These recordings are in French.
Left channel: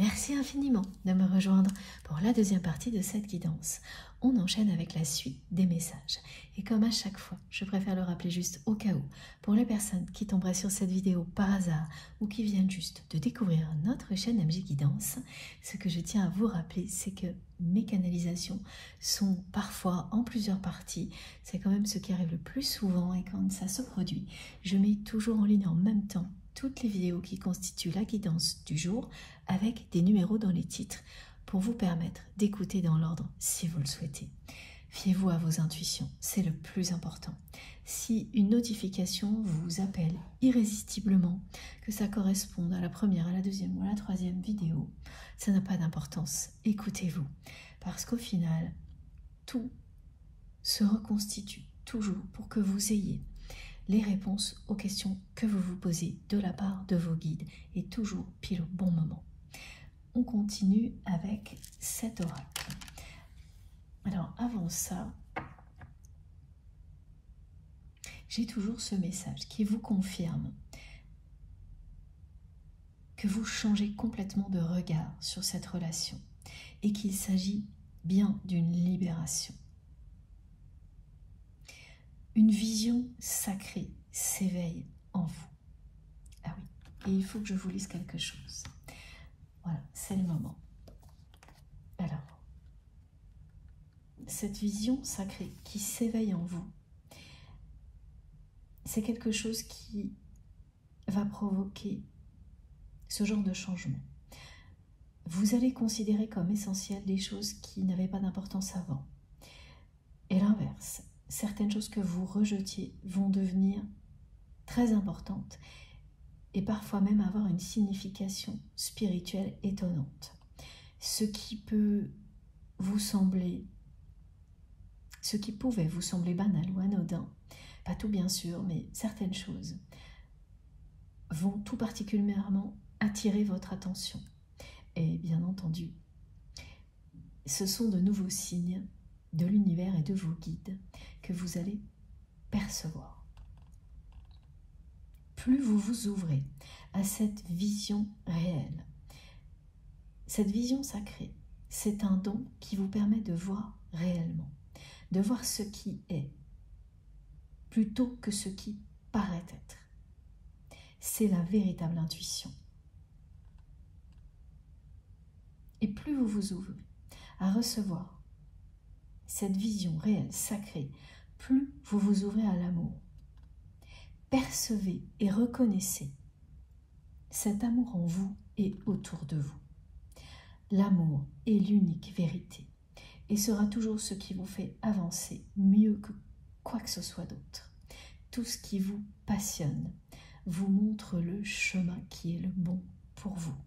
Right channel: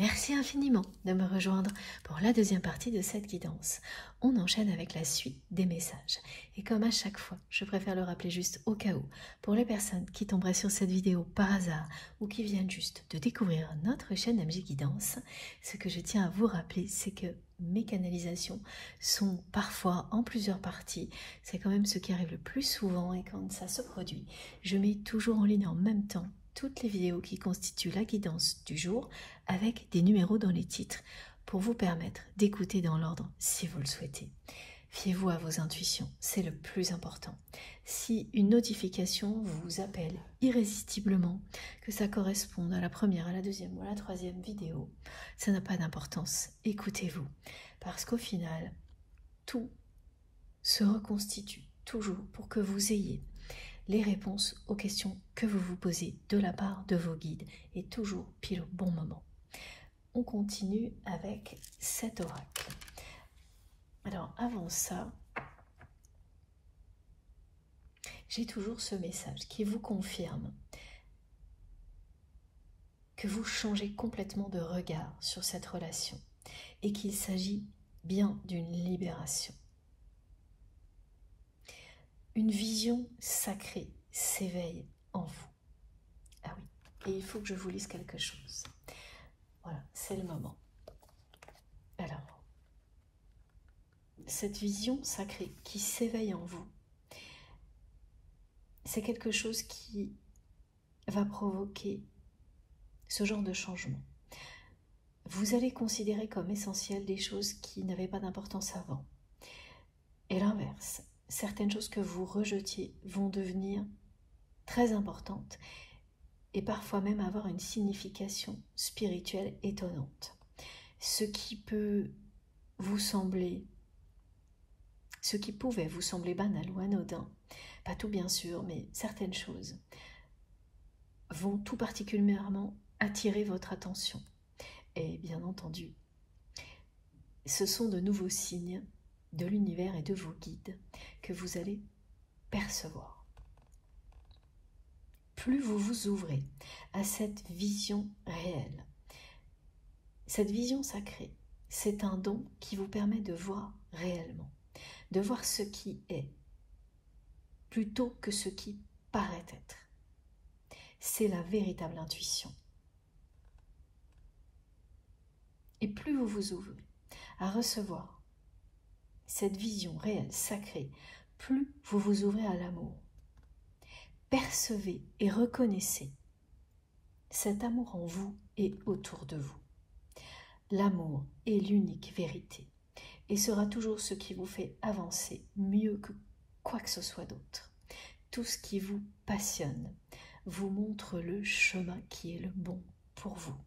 Merci infiniment de me rejoindre pour la deuxième partie de cette guidance. On enchaîne avec la suite des messages. Et comme à chaque fois, je préfère le rappeler juste au cas où, pour les personnes qui tomberaient sur cette vidéo par hasard ou qui viennent juste de découvrir notre chaîne MJ Guidance, ce que je tiens à vous rappeler, c'est que mes canalisations sont parfois en plusieurs parties. C'est quand même ce qui arrive le plus souvent et quand ça se produit, je mets toujours en ligne en même temps toutes les vidéos qui constituent la guidance du jour avec des numéros dans les titres pour vous permettre d'écouter dans l'ordre si vous le souhaitez. Fiez-vous à vos intuitions, c'est le plus important. Si une notification vous appelle irrésistiblement, que ça corresponde à la première, à la deuxième ou à la troisième vidéo, ça n'a pas d'importance. Écoutez-vous, parce qu'au final, tout se reconstitue toujours pour que vous ayez les réponses aux questions que vous vous posez de la part de vos guides et toujours pile au bon moment. On continue avec cet oracle. Alors avant ça, j'ai toujours ce message qui vous confirme que vous changez complètement de regard sur cette relation et qu'il s'agit bien d'une libération. Une vision sacrée s'éveille en vous. Ah oui, et il faut que je vous lise quelque chose. Voilà, c'est le moment. Alors, cette vision sacrée qui s'éveille en vous, c'est quelque chose qui va provoquer ce genre de changement. Vous allez considérer comme essentielles des choses qui n'avaient pas d'importance avant. Et l'inverse, certaines choses que vous rejetiez vont devenir très importantes et parfois même avoir une signification spirituelle étonnante. Ce qui pouvait vous sembler banal ou anodin, pas tout bien sûr, mais certaines choses vont tout particulièrement attirer votre attention. Et bien entendu, ce sont de nouveaux signes de l'univers et de vos guides que vous allez percevoir. Plus vous vous ouvrez à cette vision réelle, cette vision sacrée, c'est un don qui vous permet de voir réellement, de voir ce qui est, plutôt que ce qui paraît être. C'est la véritable intuition. Et plus vous vous ouvrez à recevoir cette vision réelle, sacrée, plus vous vous ouvrez à l'amour. Percevez et reconnaissez cet amour en vous et autour de vous. L'amour est l'unique vérité et sera toujours ce qui vous fait avancer mieux que quoi que ce soit d'autre. Tout ce qui vous passionne vous montre le chemin qui est le bon pour vous.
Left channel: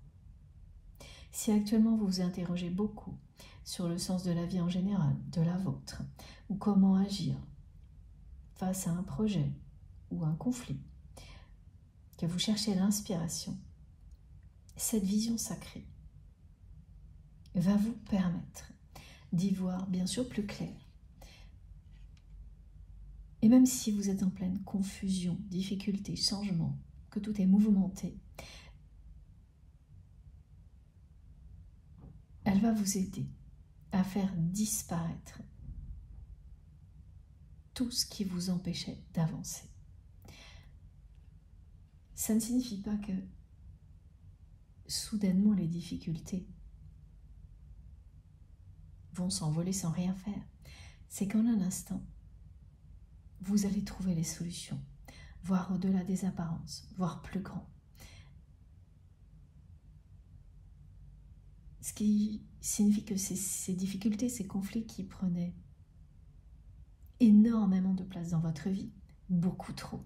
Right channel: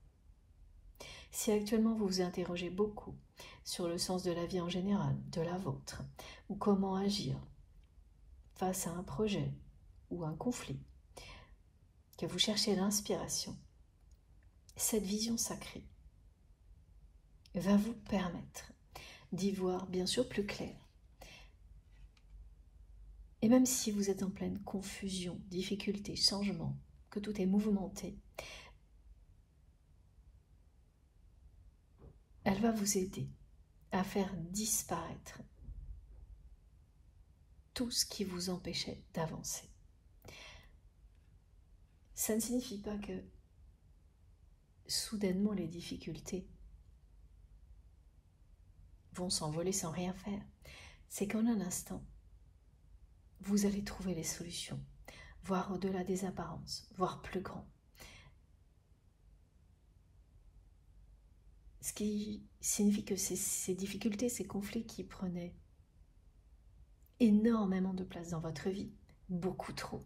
Si actuellement vous vous interrogez beaucoup sur le sens de la vie en général, de la vôtre, ou comment agir face à un projet ou un conflit, que vous cherchez l'inspiration, cette vision sacrée va vous permettre d'y voir bien sûr plus clair. Et même si vous êtes en pleine confusion, difficulté, changement, que tout est mouvementé, elle va vous aider à faire disparaître tout ce qui vous empêchait d'avancer. Ça ne signifie pas que soudainement les difficultés vont s'envoler sans rien faire. C'est qu'en un instant, vous allez trouver les solutions, voir au-delà des apparences, voir plus grand. Ce qui signifie que ces difficultés, ces conflits qui prenaient énormément de place dans votre vie, beaucoup trop,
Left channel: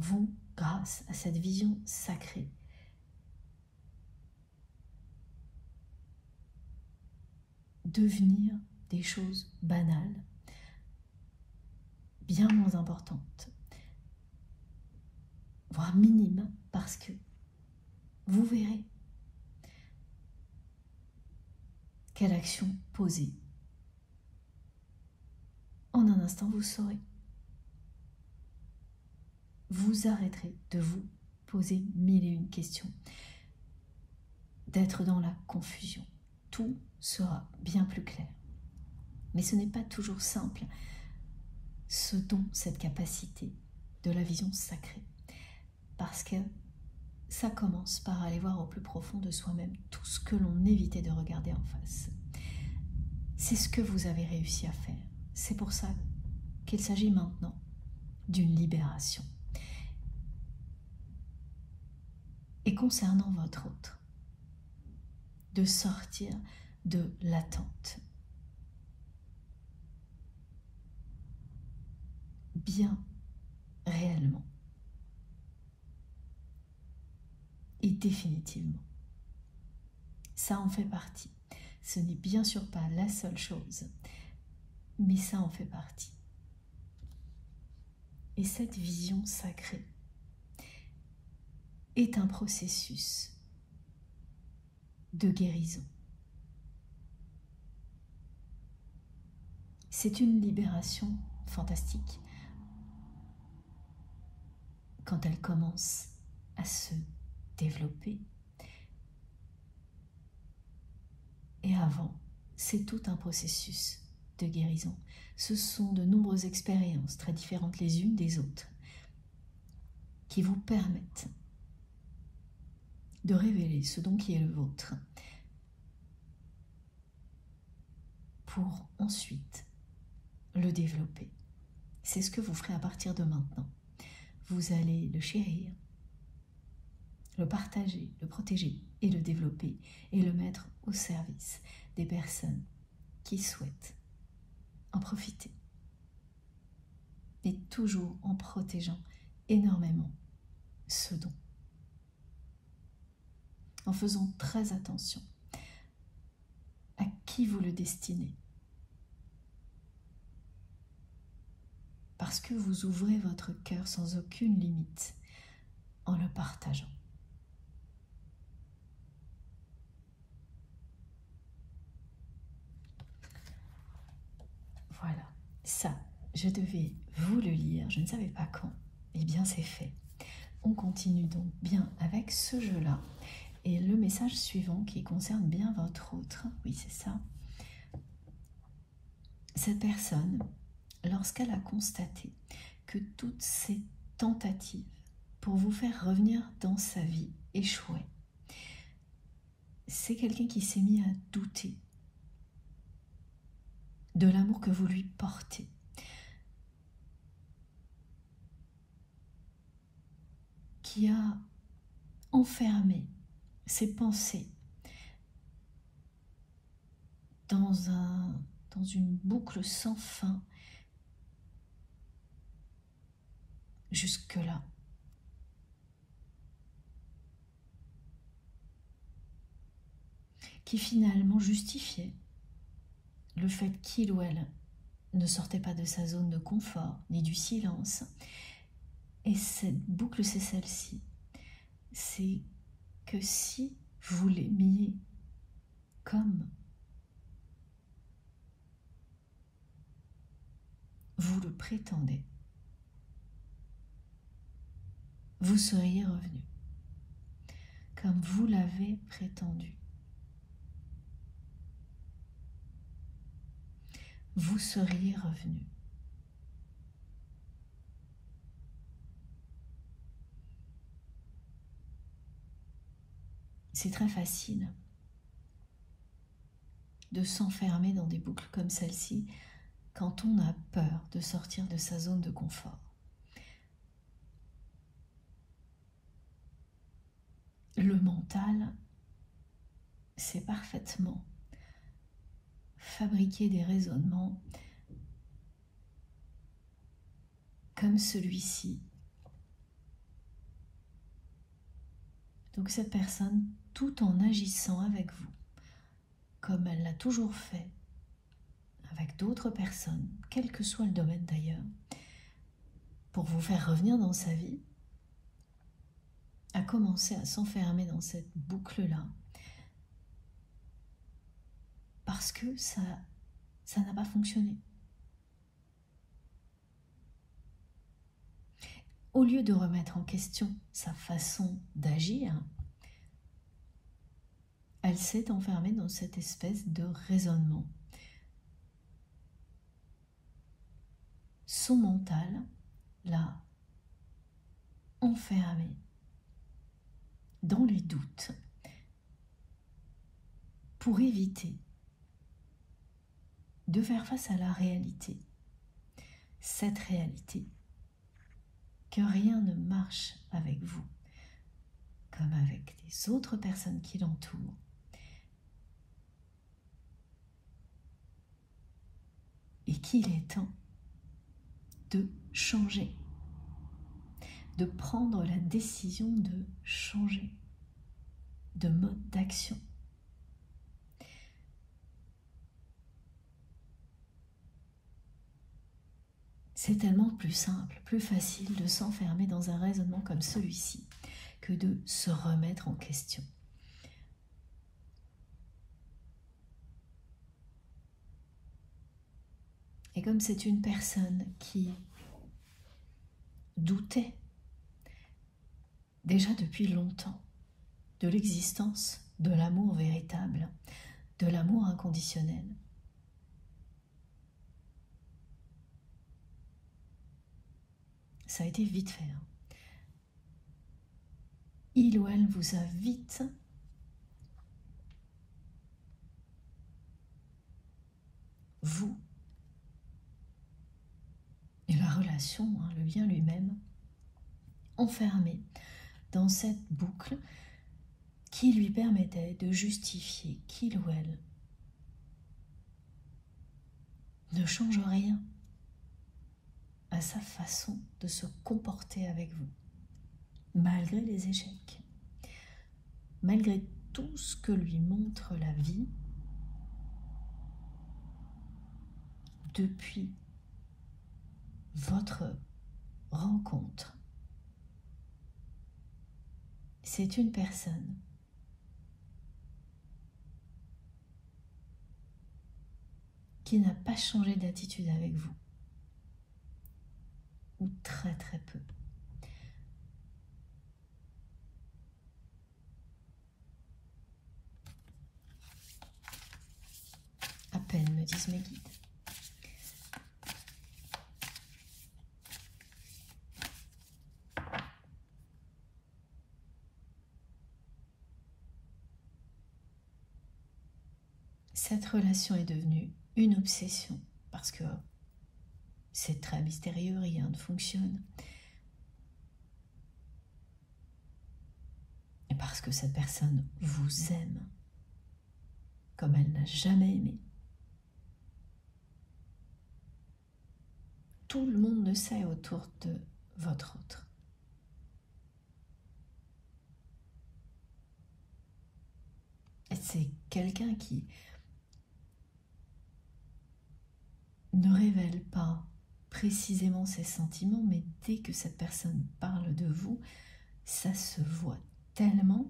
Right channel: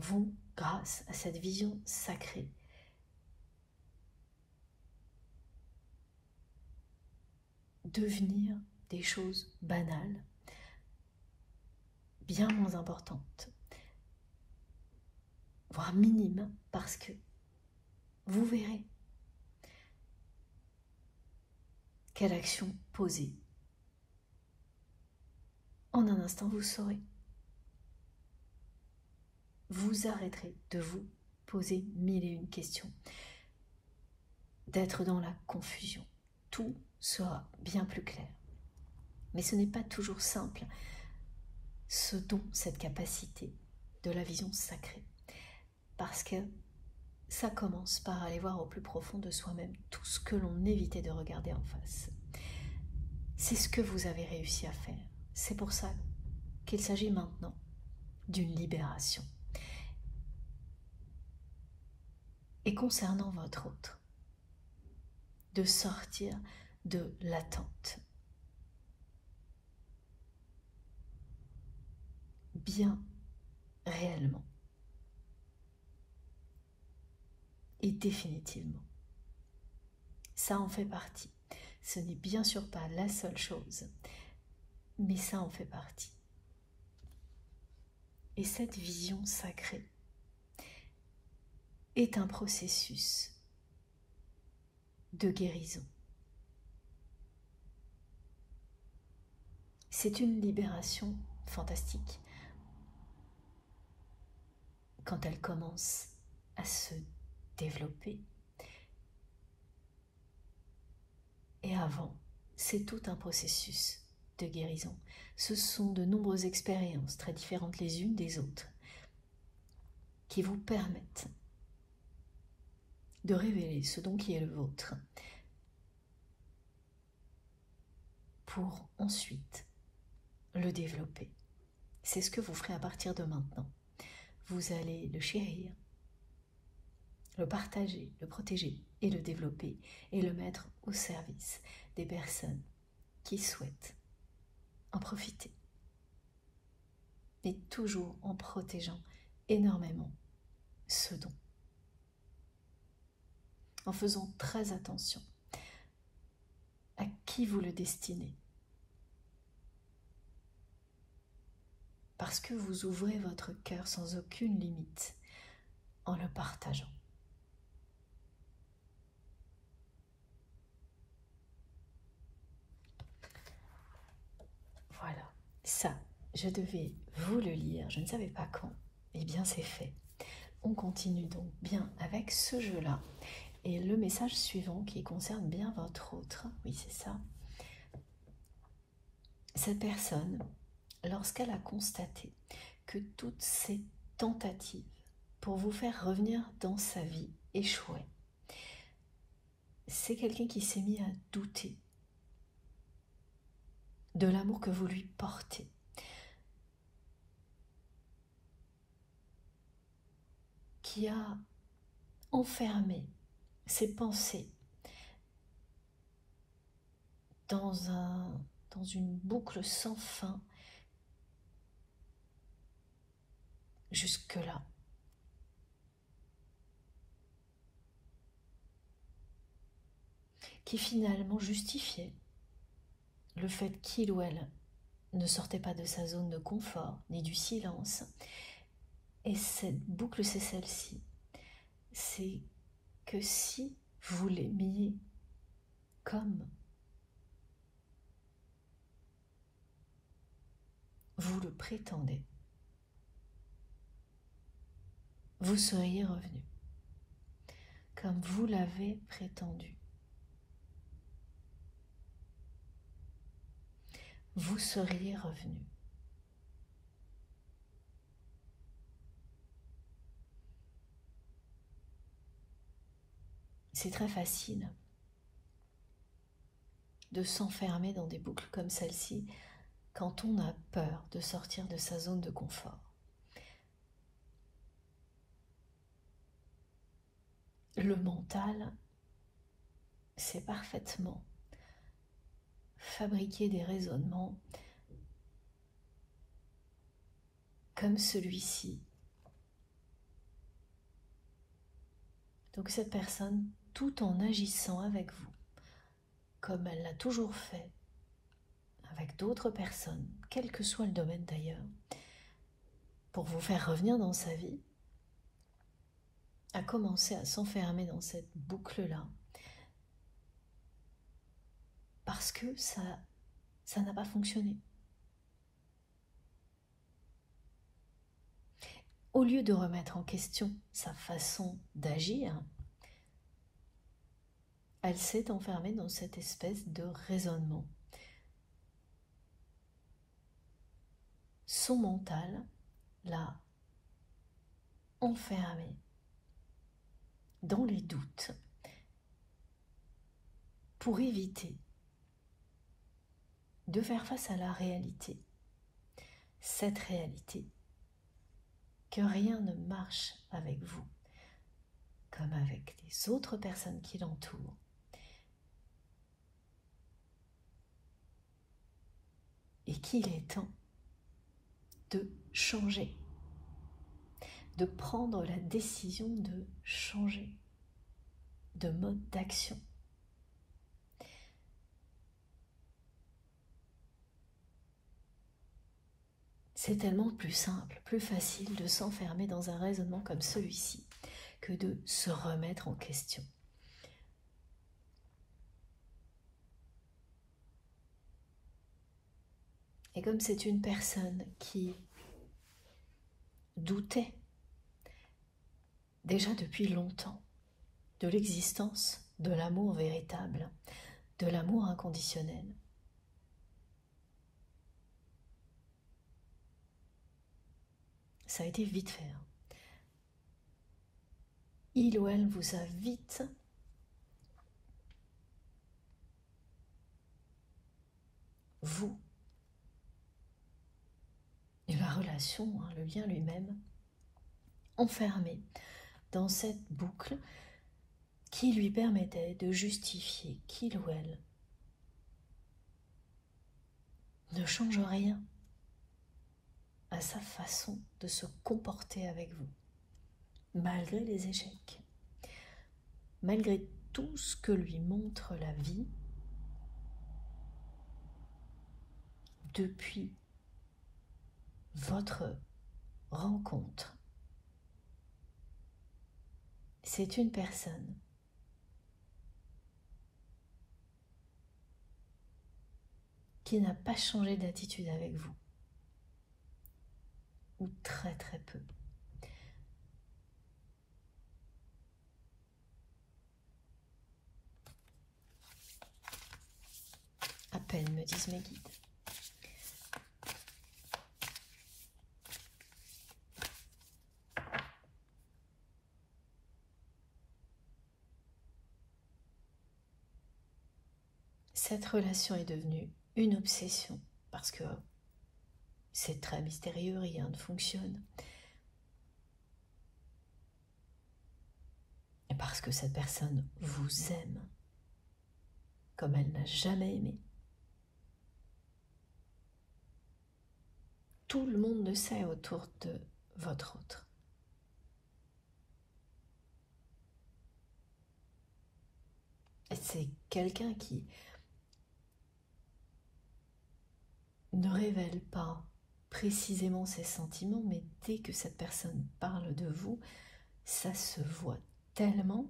vont, grâce à cette vision sacrée, devenir des choses banales, bien moins importantes, voire minimes, parce que vous verrez quelle action poser. En un instant, vous saurez. vous arrêterez de vous poser 1001 questions, d'être dans la confusion. Tout sera bien plus clair. Mais ce n'est pas toujours simple, ce don, cette capacité de la vision sacrée. Parce que ça commence par aller voir au plus profond de soi-même tout ce que l'on évitait de regarder en face. C'est ce que vous avez réussi à faire. C'est pour ça qu'il s'agit maintenant d'une libération. Et concernant votre autre, de sortir de l'attente. Bien réellement. Et définitivement. Ça en fait partie. Ce n'est bien sûr pas la seule chose, mais ça en fait partie. Et cette vision sacrée est un processus de guérison. C'est une libération fantastique quand elle commence à se développer. Et avant, c'est tout un processus de guérison. Ce sont de nombreuses expériences très différentes les unes des autres qui vous permettent de révéler ce don qui est le vôtre pour ensuite le développer. C'est ce que vous ferez à partir de maintenant. Vous allez le chérir, le partager, le protéger et le développer et le mettre au service des personnes qui souhaitent en profiter. Et toujours en protégeant énormément ce don. En faisant très attention à qui vous le destinez. Parce que vous ouvrez votre cœur sans aucune limite en le partageant. Voilà, ça, je devais vous le lire, je ne savais pas quand. Eh bien, c'est fait. On continue donc bien avec ce jeu-là. Et le message suivant qui concerne bien votre autre, oui c'est ça. Cette personne, lorsqu'elle a constaté que toutes ces tentatives pour vous faire revenir dans sa vie échouaient, c'est quelqu'un qui s'est mis à douter de l'amour que vous lui portez. Qui a enfermé ses pensées dans une boucle sans fin jusque-là. Qui finalement justifiait le fait qu'il ou elle ne sortait pas de sa zone de confort, ni du silence. Et cette boucle, c'est celle-ci. C'est que si vous l'aimiez comme vous le prétendez, vous seriez revenu, comme vous l'avez prétendu. Vous seriez revenu. C'est très facile de s'enfermer dans des boucles comme celle-ci quand on a peur de sortir de sa zone de confort. Le mental sait parfaitement fabriquer des raisonnements comme celui-ci. Donc cette personne, tout en agissant avec vous, comme elle l'a toujours fait, avec d'autres personnes, quel que soit le domaine d'ailleurs, pour vous faire revenir dans sa vie, a commencé à s'enfermer dans cette boucle-là, parce que ça n'a pas fonctionné. au lieu de remettre en question sa façon d'agir, elle s'est enfermée dans cette espèce de raisonnement. Son mental l'a enfermée dans les doutes pour éviter de faire face à la réalité. Cette réalité, que rien ne marche avec vous, comme avec les autres personnes qui l'entourent. Et qu'il est temps de changer, de prendre la décision de changer de mode d'action. C'est tellement plus simple, plus facile de s'enfermer dans un raisonnement comme celui-ci que de se remettre en question. Et comme c'est une personne qui doutait déjà depuis longtemps de l'existence de l'amour véritable, de l'amour inconditionnel, ça a été vite fait. Il ou elle vous a vite vous et la relation, le lien lui-même, enfermé dans cette boucle qui lui permettait de justifier qu'il ou elle ne change rien à sa façon de se comporter avec vous, malgré les échecs, malgré tout ce que lui montre la vie depuis votre rencontre. C'est une personne qui n'a pas changé d'attitude avec vous, ou très très peu. À peine, me disent mes guides. Cette relation est devenue une obsession parce que c'est très mystérieux, rien ne fonctionne. Et parce que cette personne vous aime comme elle n'a jamais aimé. Tout le monde le sait autour de votre autre. Et c'est quelqu'un qui ne révèle pas précisément ses sentiments, mais dès que cette personne parle de vous, ça se voit tellement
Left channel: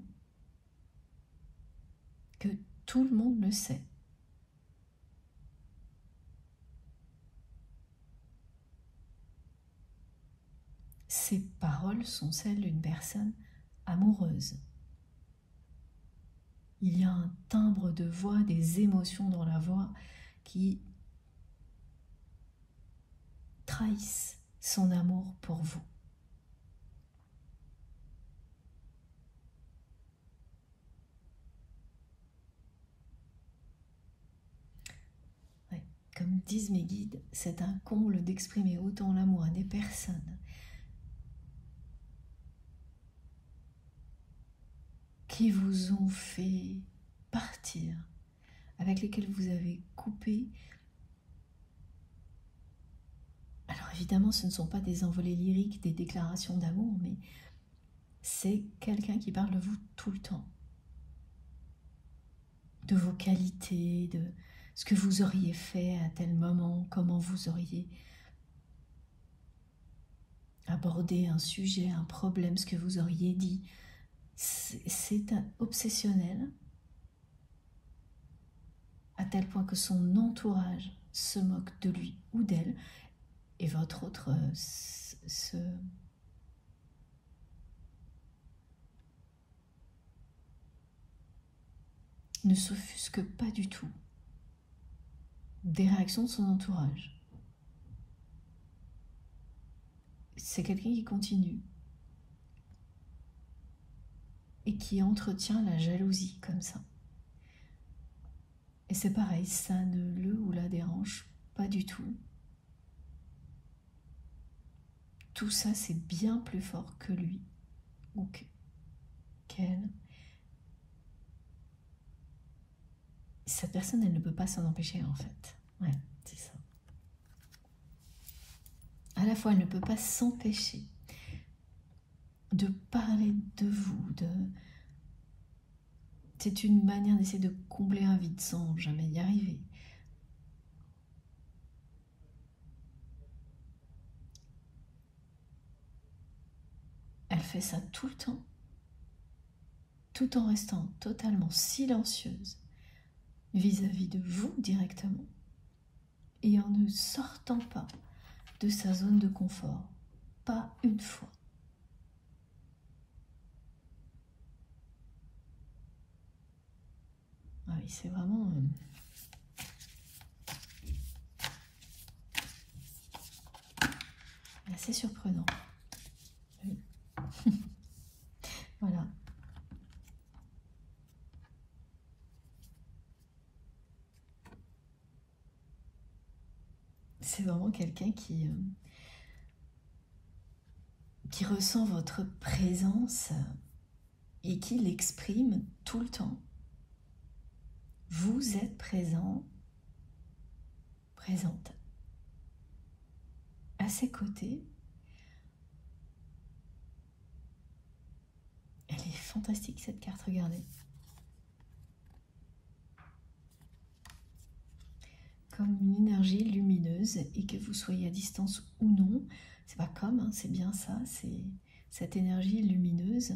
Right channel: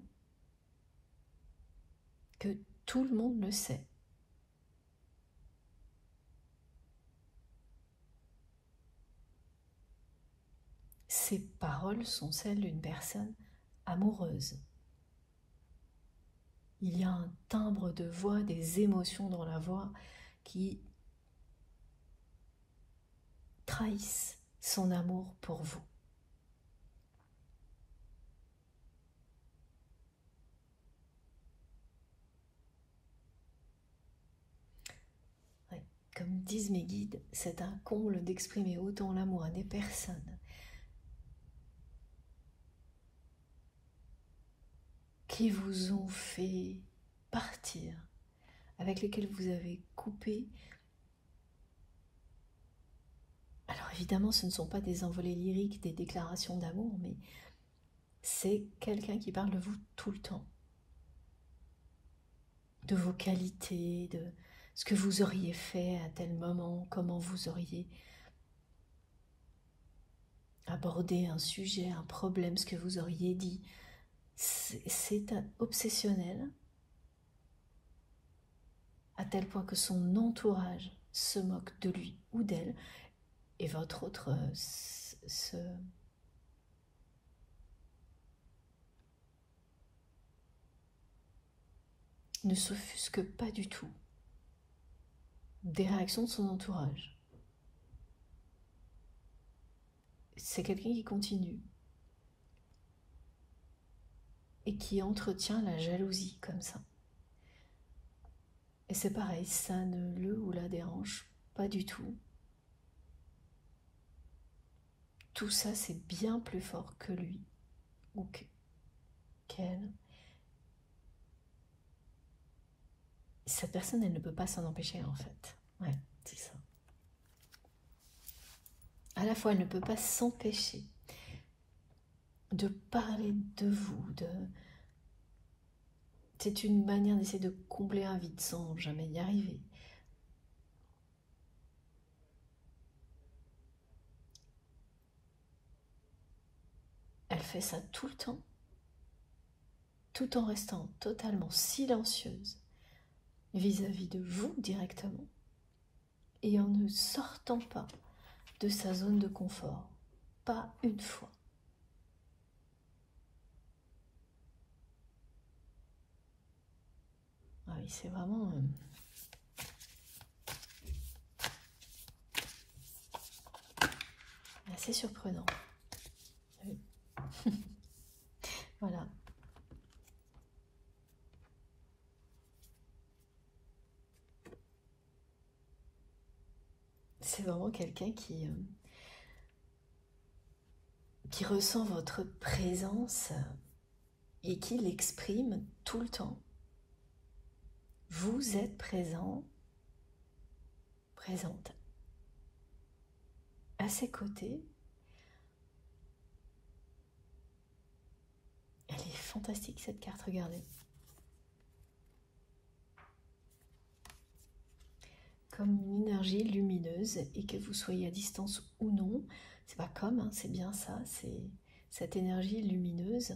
que tout le monde le sait. Ces paroles sont celles d'une personne amoureuse. Il y a un timbre de voix, des émotions dans la voix qui trahissent son amour pour vous. Ouais, comme disent mes guides, c'est un comble d'exprimer autant l'amour à des personnes qui vous ont fait partir, avec lesquels vous avez coupé. Alors évidemment, ce ne sont pas des envolées lyriques, des déclarations d'amour, mais c'est quelqu'un qui parle de vous tout le temps. De vos qualités, de ce que vous auriez fait à tel moment, comment vous auriez abordé un sujet, un problème, ce que vous auriez dit. C'est un obsessionnel à tel point que son entourage se moque de lui ou d'elle et votre autre se ne s'offusque pas du tout des réactions de son entourage. C'est quelqu'un qui continue et qui entretient la jalousie comme ça. Et c'est pareil, ça ne le ou la dérange pas du tout. Tout ça, c'est bien plus fort que lui ou qu'elle. Cette personne, elle ne peut pas s'en empêcher en fait. Ouais, c'est ça. À la fois, elle ne peut pas s'empêcher de parler de vous, c'est une manière d'essayer de combler un vide sans jamais y arriver. Elle fait ça tout le temps, tout en restant totalement silencieuse vis-à-vis de vous directement et en ne sortant pas de sa zone de confort, pas une fois. Ah oui, c'est vraiment assez surprenant. Oui. Voilà. C'est vraiment quelqu'un qui ressent votre présence et qui l'exprime tout le temps. Vous êtes présent, présente à ses côtés. Elle est fantastique cette carte, regardez. Comme une énergie lumineuse, et que vous soyez à distance ou non, c'est pas comme, hein, c'est bien ça, c'est cette énergie lumineuse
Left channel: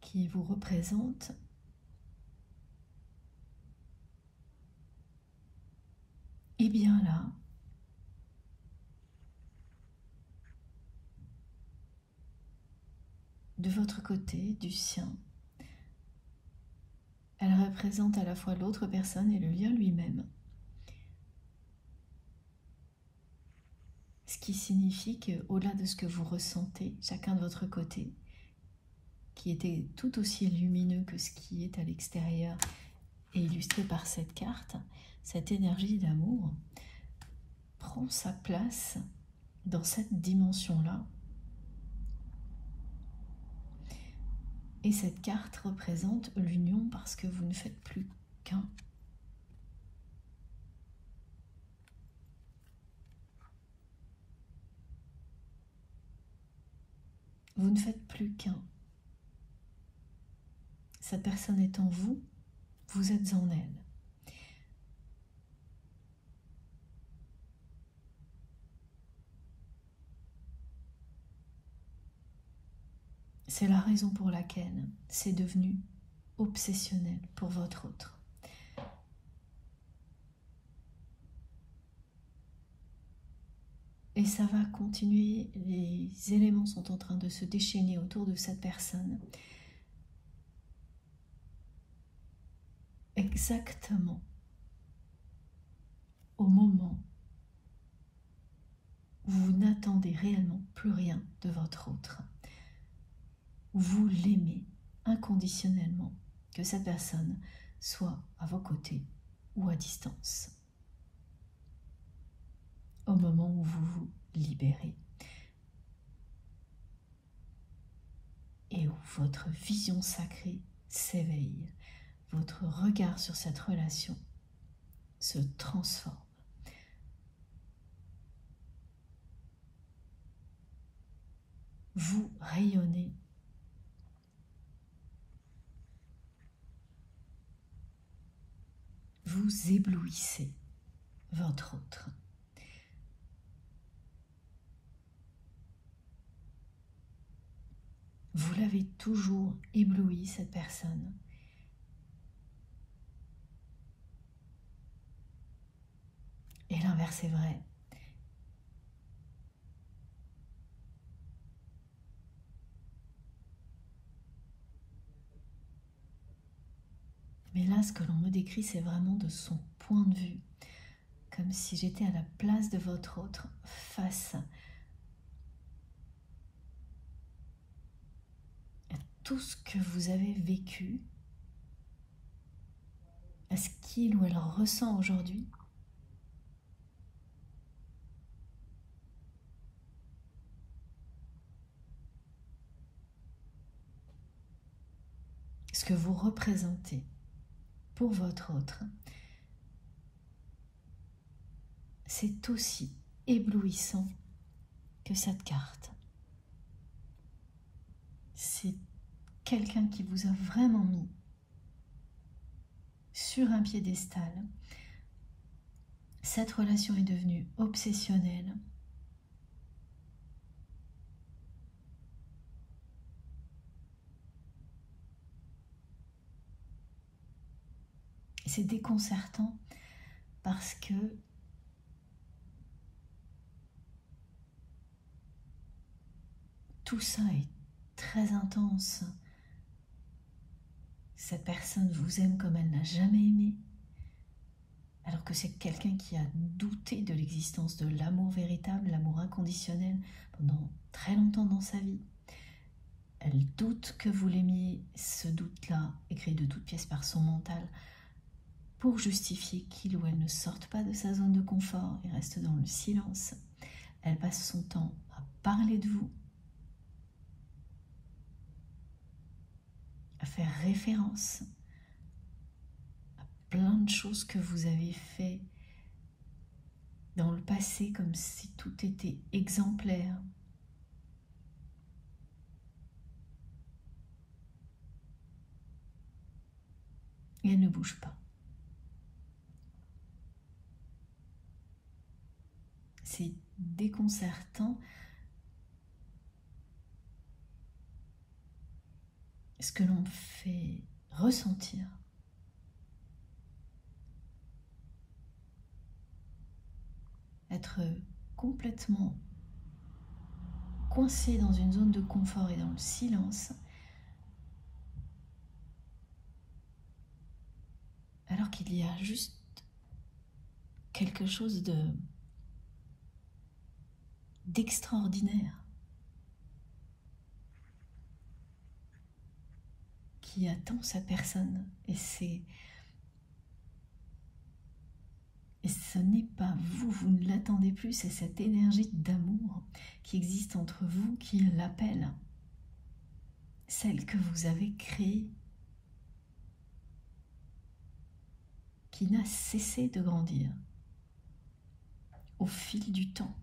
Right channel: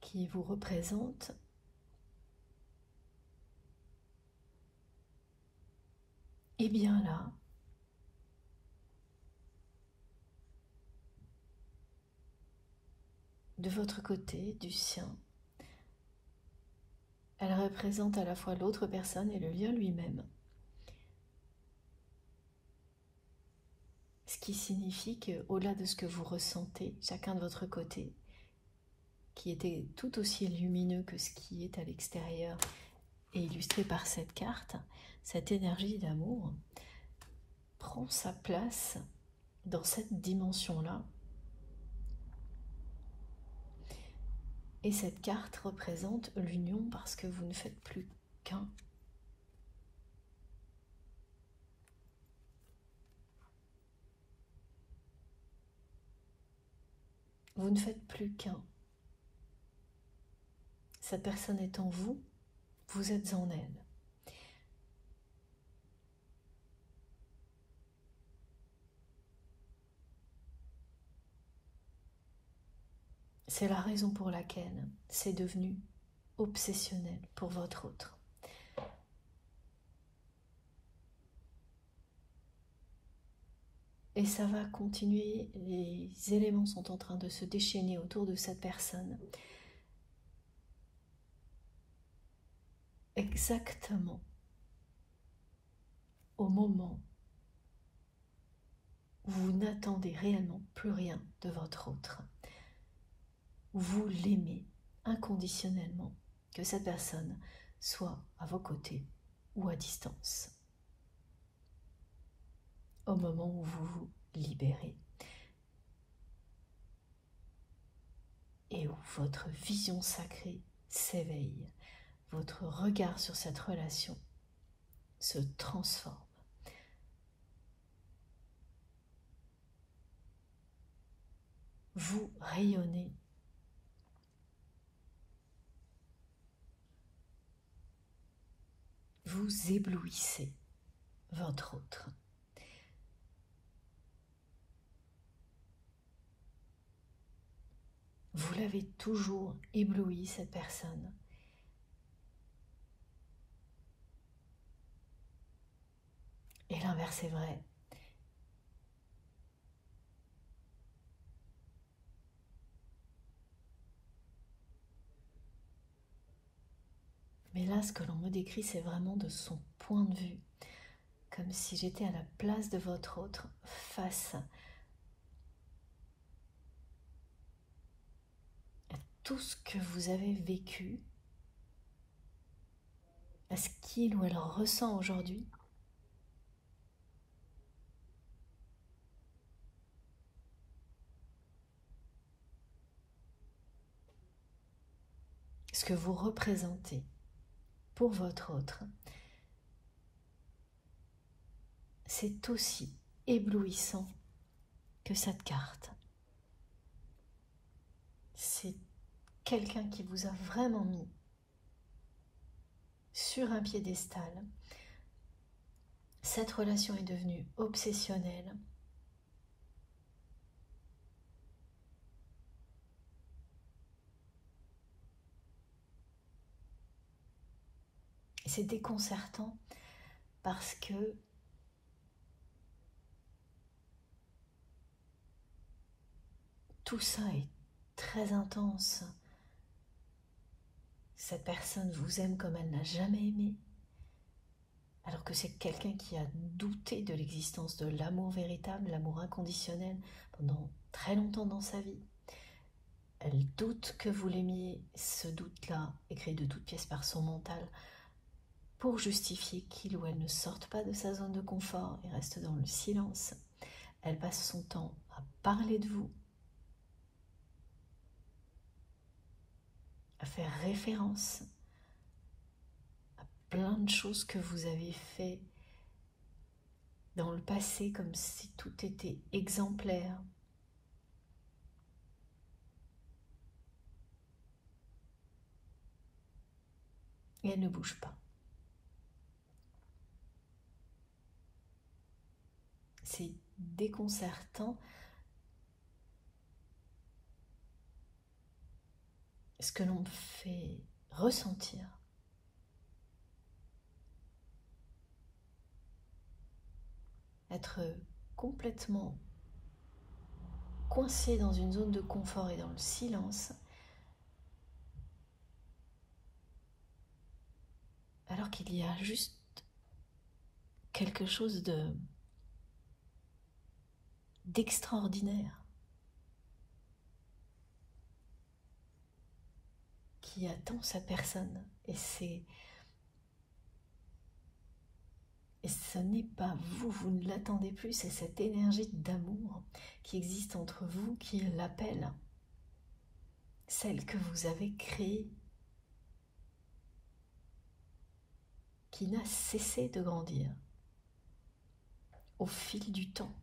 qui vous représente. Et bien là, de votre côté, du sien, elle représente à la fois l'autre personne et le lien lui-même. Ce qui signifie qu'au-delà de ce que vous ressentez, chacun de votre côté, qui était tout aussi lumineux que ce qui est à l'extérieur et illustré par cette carte, cette énergie d'amour prend sa place dans cette dimension-là. Et cette carte représente l'union parce que vous ne faites plus qu'un. Vous ne faites plus qu'un. Cette personne est en vous, vous êtes en elle. C'est la raison pour laquelle c'est devenu obsessionnel pour votre autre. Et ça va continuer, les éléments sont en train de se déchaîner autour de cette personne. Exactement au moment où vous n'attendez réellement plus rien de votre autre. Vous l'aimez inconditionnellement, que cette personne soit à vos côtés ou à distance. Au moment où vous vous libérez et où votre vision sacrée s'éveille, votre regard sur cette relation se transforme. Vous rayonnez. Vous éblouissez votre autre. Vous l'avez toujours ébloui, cette personne. Et l'inverse est vrai. Mais là, ce que l'on me décrit, c'est vraiment de son point de vue, comme si j'étais à la place de votre autre, face à tout ce que vous avez vécu, à ce qu'il ou elle ressent aujourd'hui. Ce que vous représentez pour votre autre, c'est aussi éblouissant que cette carte. C'est quelqu'un qui vous a vraiment mis sur un piédestal. Cette relation est devenue obsessionnelle. C'est déconcertant parce que tout ça est très intense. Cette personne vous aime comme elle n'a jamais aimé, alors que c'est quelqu'un qui a douté de l'existence de l'amour véritable, l'amour inconditionnel, pendant très longtemps dans sa vie. Elle doute que vous l'aimiez, ce doute-là est créé de toutes pièces par son mental, pour justifier qu'il ou elle ne sorte pas de sa zone de confort et reste dans le silence. Elle passe son temps à parler de vous, à faire référence à plein de choses que vous avez fait dans le passé comme si tout était exemplaire. Et elle ne bouge pas. C'est déconcertant ce que l'on fait ressentir. Être complètement coincé dans une zone de confort et dans le silence, alors qu'il y a juste quelque chose d'extraordinaire qui attend sa personne, et ce n'est pas vous, vous ne l'attendez plus, c'est cette énergie d'amour qui existe entre vous qui l'appelle, celle que vous avez créée, qui n'a cessé de grandir au fil du temps.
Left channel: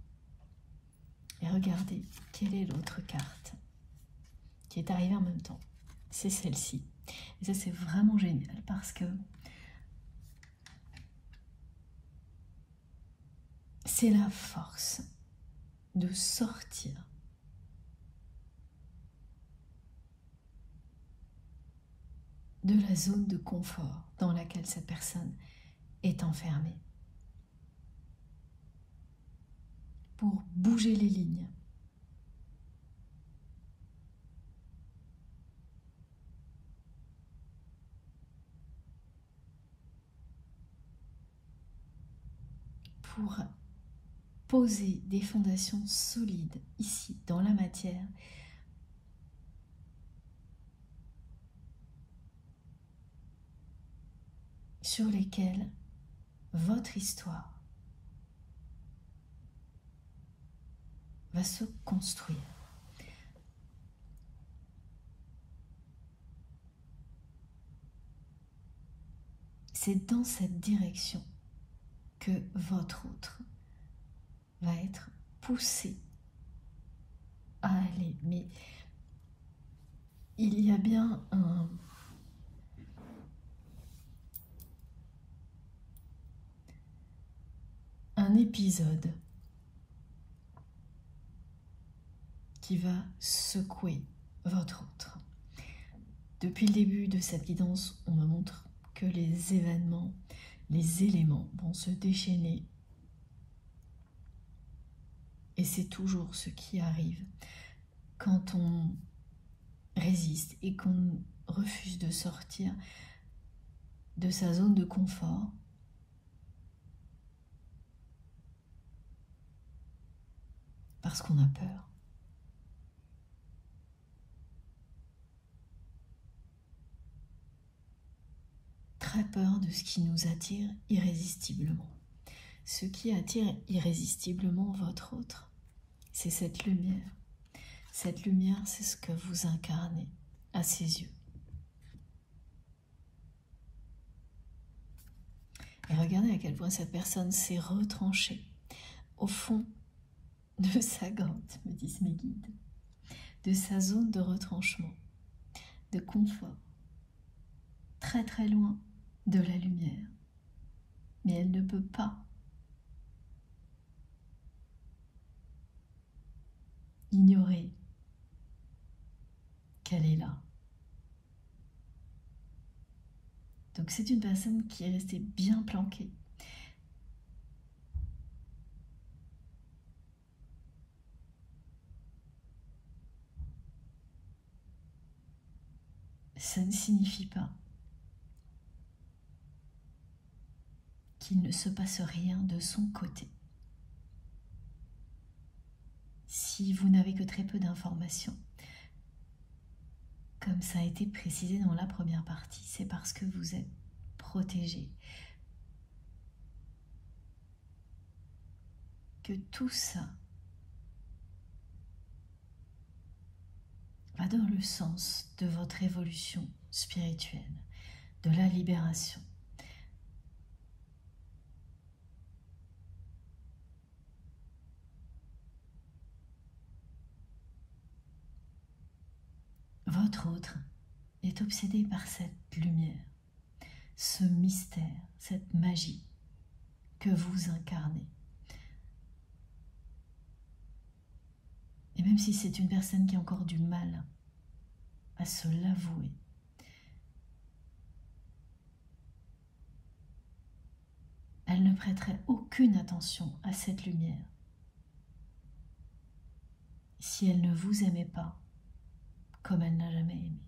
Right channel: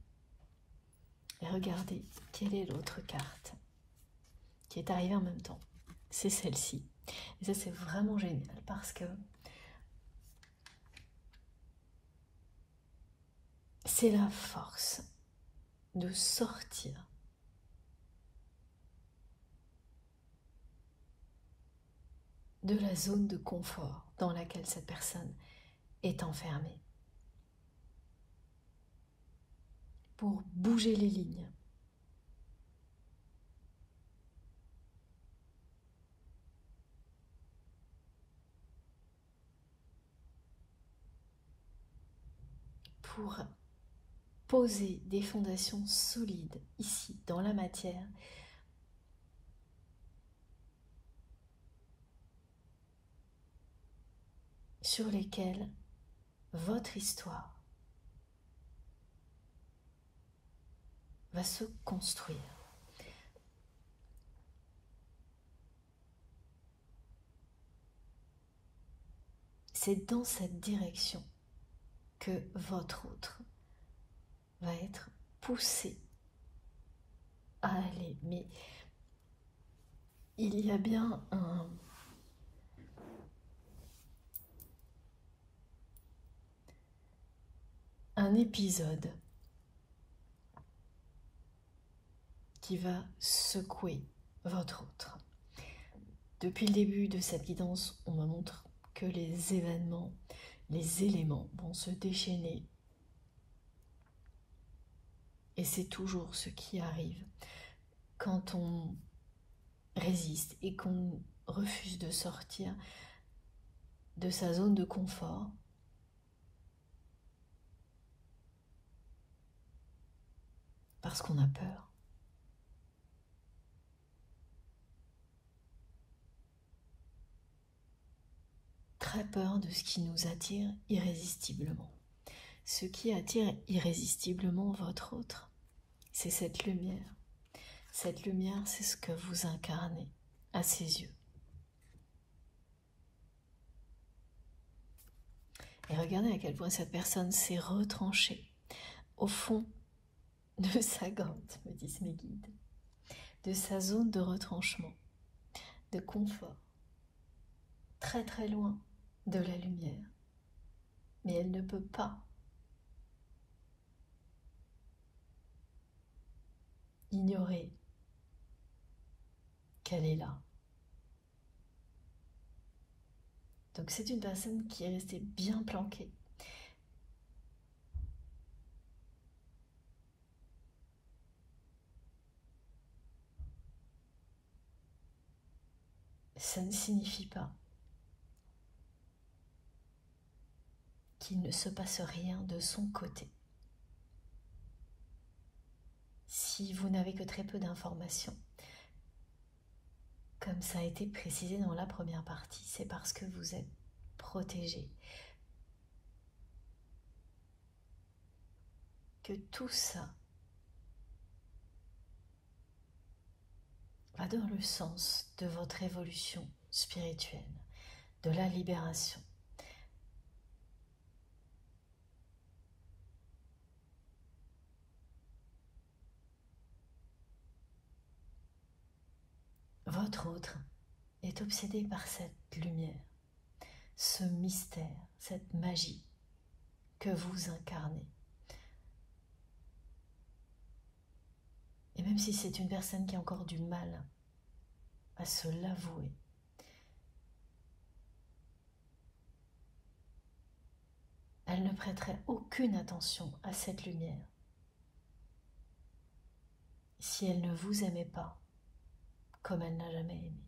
Et regardez, quelle est l'autre carte qui est arrivée en même temps? C'est celle-ci. Et ça, c'est vraiment génial parce que c'est la force de sortir de la zone de confort dans laquelle cette personne est enfermée, pour bouger les lignes, pour poser des fondations solides ici dans la matière, sur lesquelles votre histoire va se construire. C'est dans cette direction que votre autre va être poussé à aller. Mais il y a bien un épisode qui va secouer votre autre. Depuis le début de cette guidance, on me montre que les événements, les éléments vont se déchaîner. Et c'est toujours ce qui arrive quand on résiste et qu'on refuse de sortir de sa zone de confort, parce qu'on a peur. Très peur de ce qui nous attire irrésistiblement. Ce qui attire irrésistiblement votre autre, c'est cette lumière. Cette lumière, c'est ce que vous incarnez à ses yeux. Et regardez à quel point cette personne s'est retranchée au fond de sa grotte, me disent mes guides, de sa zone de retranchement, de confort, très très loin de la lumière. Mais elle ne peut pas ignorer qu'elle est là. Donc c'est une personne qui est restée bien planquée. Ça ne signifie pas qu'il ne se passe rien de son côté. Si vous n'avez que très peu d'informations, comme ça a été précisé dans la première partie, c'est parce que vous êtes protégé. Que tout ça va dans le sens de votre évolution spirituelle, de la libération. Votre autre est obsédé par cette lumière, ce mystère, cette magie que vous incarnez. Et même si c'est une personne qui a encore du mal à se l'avouer, elle ne prêterait aucune attention à cette lumière si elle ne vous aimait pas comme elle n'a jamais aimé.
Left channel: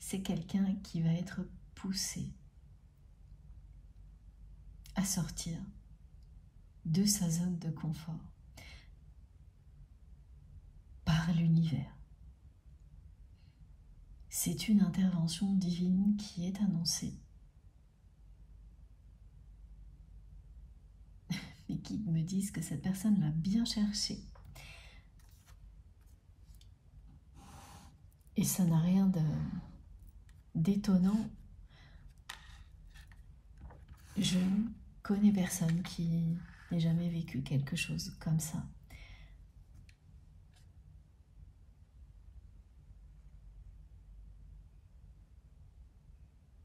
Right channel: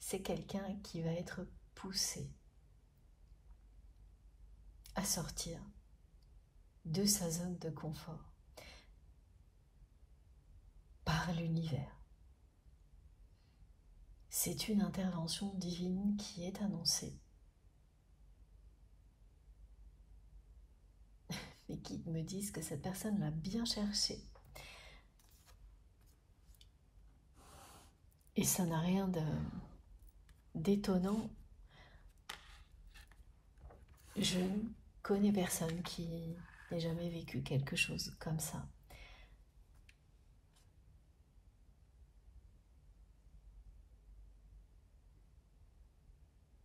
C'est quelqu'un qui va être poussé à sortir de sa zone de confort par l'univers. C'est une intervention divine qui est annoncée. Mes guides me disent que cette personne l'a bien cherché. Et ça n'a rien d'étonnant. Je connais personne qui n'ait jamais vécu quelque chose comme ça.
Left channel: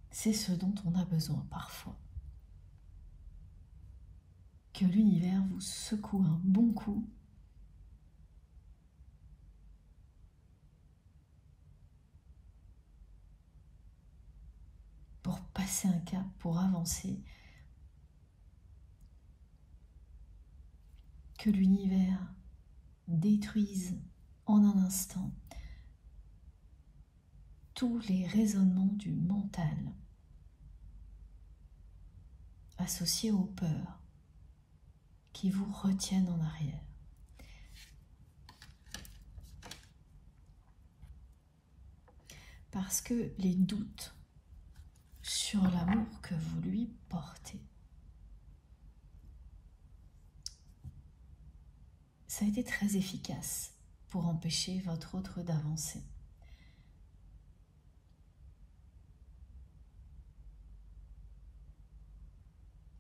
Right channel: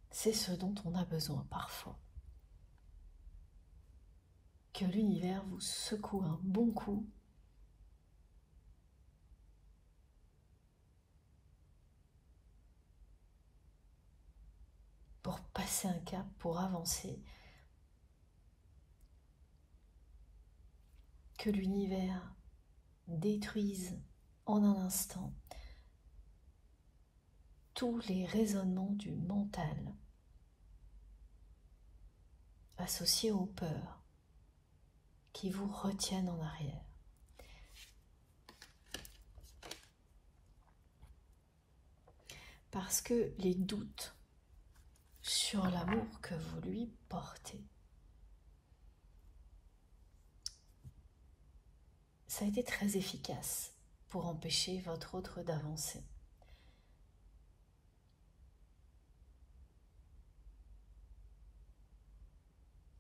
C'est ce dont on a besoin parfois. Que l'univers vous secoue un bon coup pour passer un cap, pour avancer. Que l'univers détruise en un instant tous les raisonnements du mental associés aux peurs qui vous retiennent en arrière. Parce que les doutes sur l'amour que vous lui portez, ça a été très efficace pour empêcher votre autre d'avancer.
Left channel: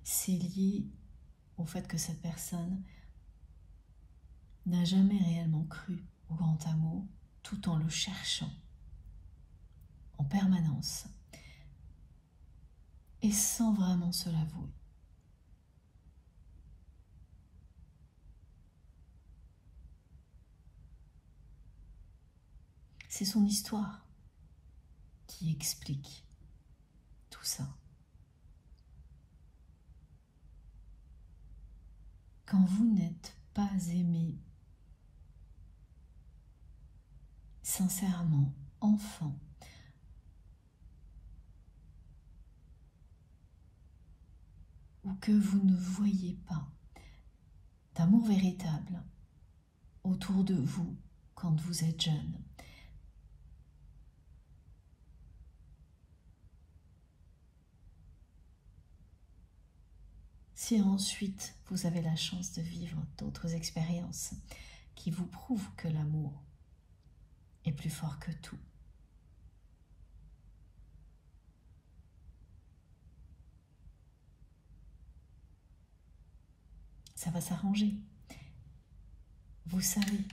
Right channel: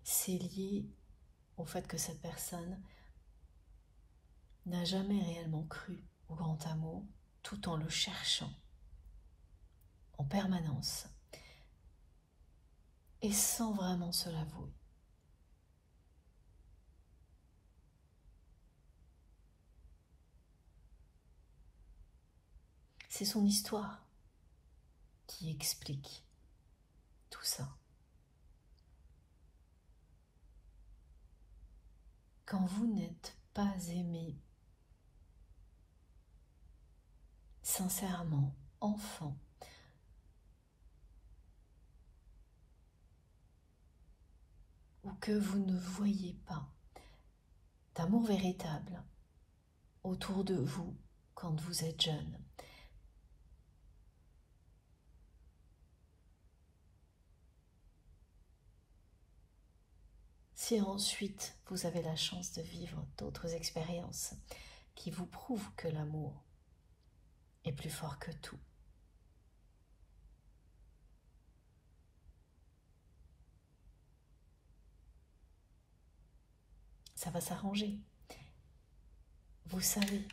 C'est lié au fait que cette personne n'a jamais réellement cru au grand amour tout en le cherchant en permanence et sans vraiment se l'avouer. C'est son histoire qui explique tout ça. Quand vous n'êtes pas aimé sincèrement, enfant, ou que vous ne voyez pas d'amour véritable autour de vous quand vous êtes jeune, si ensuite vous avez la chance de vivre d'autres expériences qui vous prouvent que l'amour est plus fort que tout, ça va s'arranger. Vous savez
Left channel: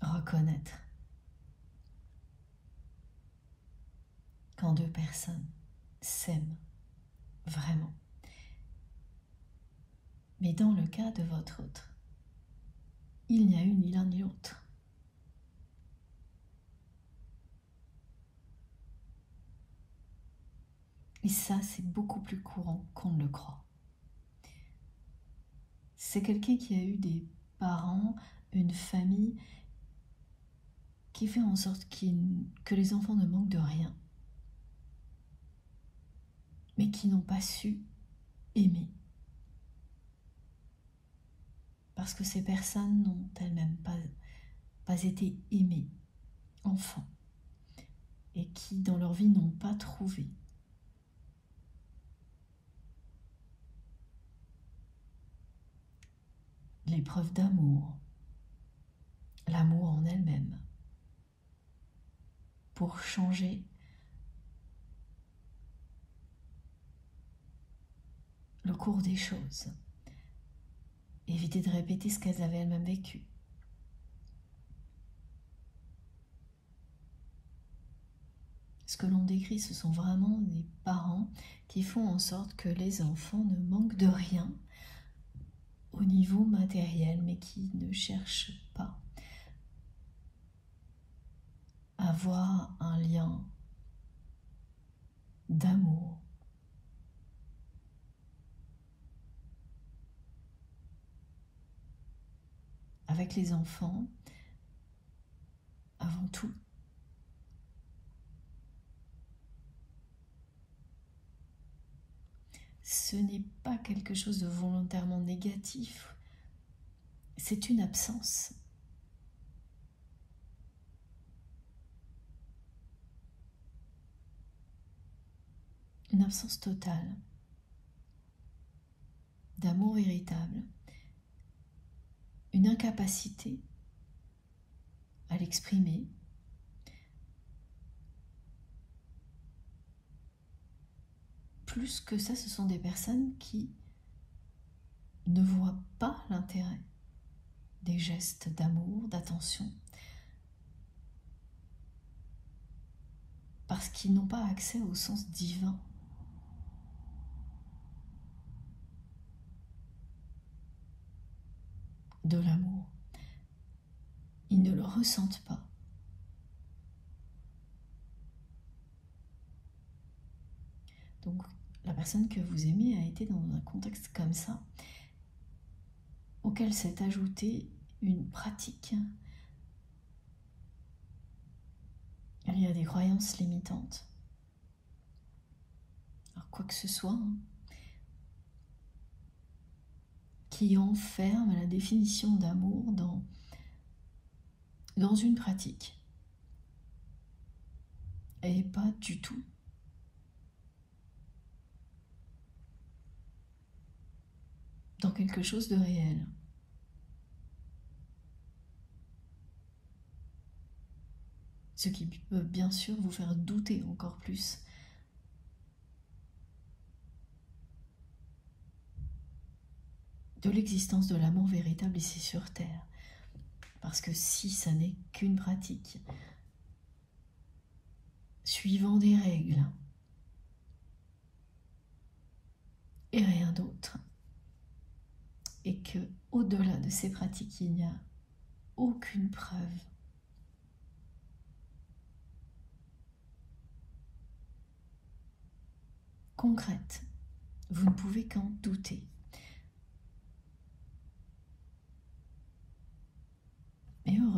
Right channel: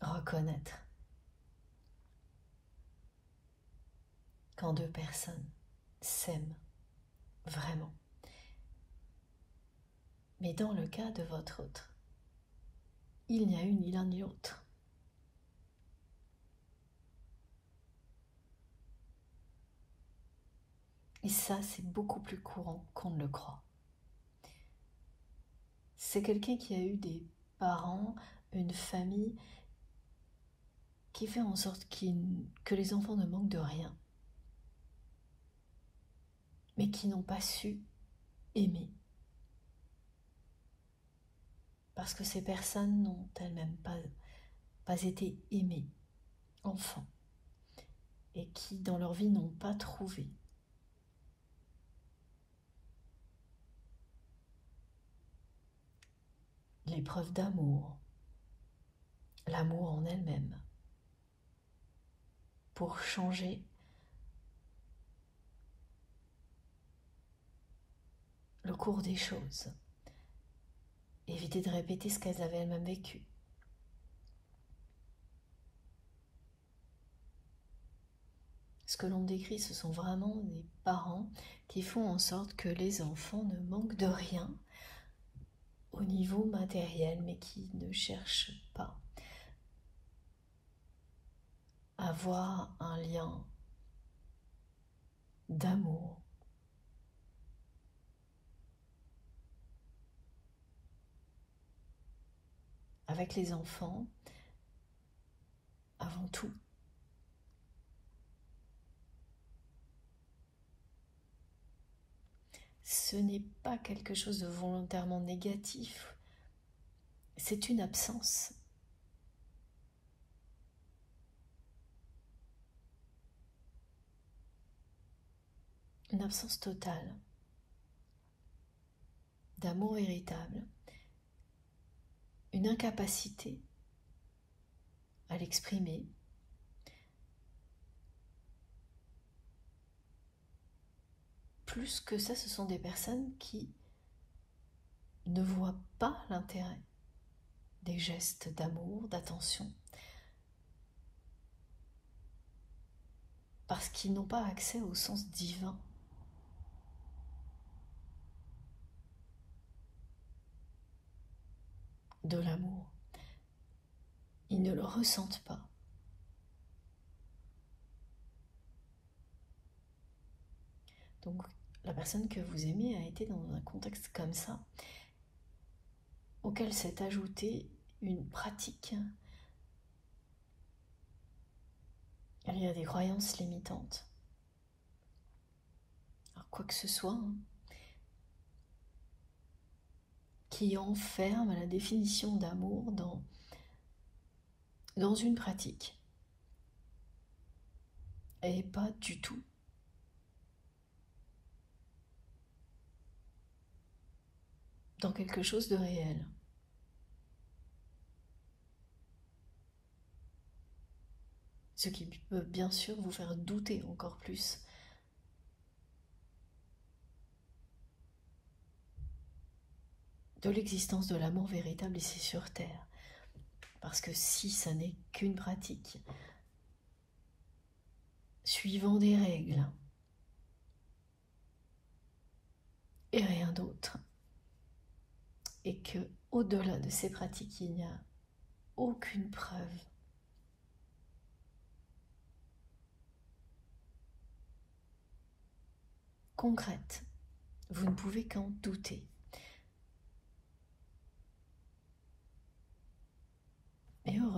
reconnaître quand deux personnes s'aiment vraiment. Mais dans le cas de votre autre, il n'y a eu ni l'un ni l'autre. Et ça, c'est beaucoup plus courant qu'on ne le croit. C'est quelqu'un qui a eu des parents, une famille qui fait en sorte que les enfants ne manquent de rien, mais qui n'ont pas su aimer. Parce que ces personnes n'ont elles-mêmes pas été aimées, enfants, et qui dans leur vie n'ont pas trouvé l'épreuve d'amour, l'amour en elle-même, pour changer le cours des choses, éviter de répéter ce qu'elles avaient elles-mêmes vécu. Ce que l'on décrit, ce sont vraiment des parents qui font en sorte que les enfants ne manquent de rien au niveau matériel, mais qui ne cherchent pas à avoir un lien d'amour avec les enfants avant tout. Ce n'est pas quelque chose de volontairement négatif, c'est une absence. Une absence totale d'amour véritable, une incapacité à l'exprimer, plus que ça, ce sont des personnes qui ne voient pas l'intérêt des gestes d'amour, d'attention, parce qu'ils n'ont pas accès au sens divin de l'amour. Ils ne le ressentent pas. Donc, la personne que vous aimez a été dans un contexte comme ça, auquel s'est ajoutée une pratique. Il y a des croyances limitantes. Alors, quoi que ce soit, qui enferme la définition d'amour dans une pratique. Et pas du tout dans quelque chose de réel. Ce qui peut bien sûr vous faire douter encore plus de l'existence de l'amour véritable ici sur Terre. Parce que si ça n'est qu'une pratique, suivant des règles et rien d'autre, et que au-delà de ces pratiques, il n'y a aucune preuve concrète, vous ne pouvez qu'en douter.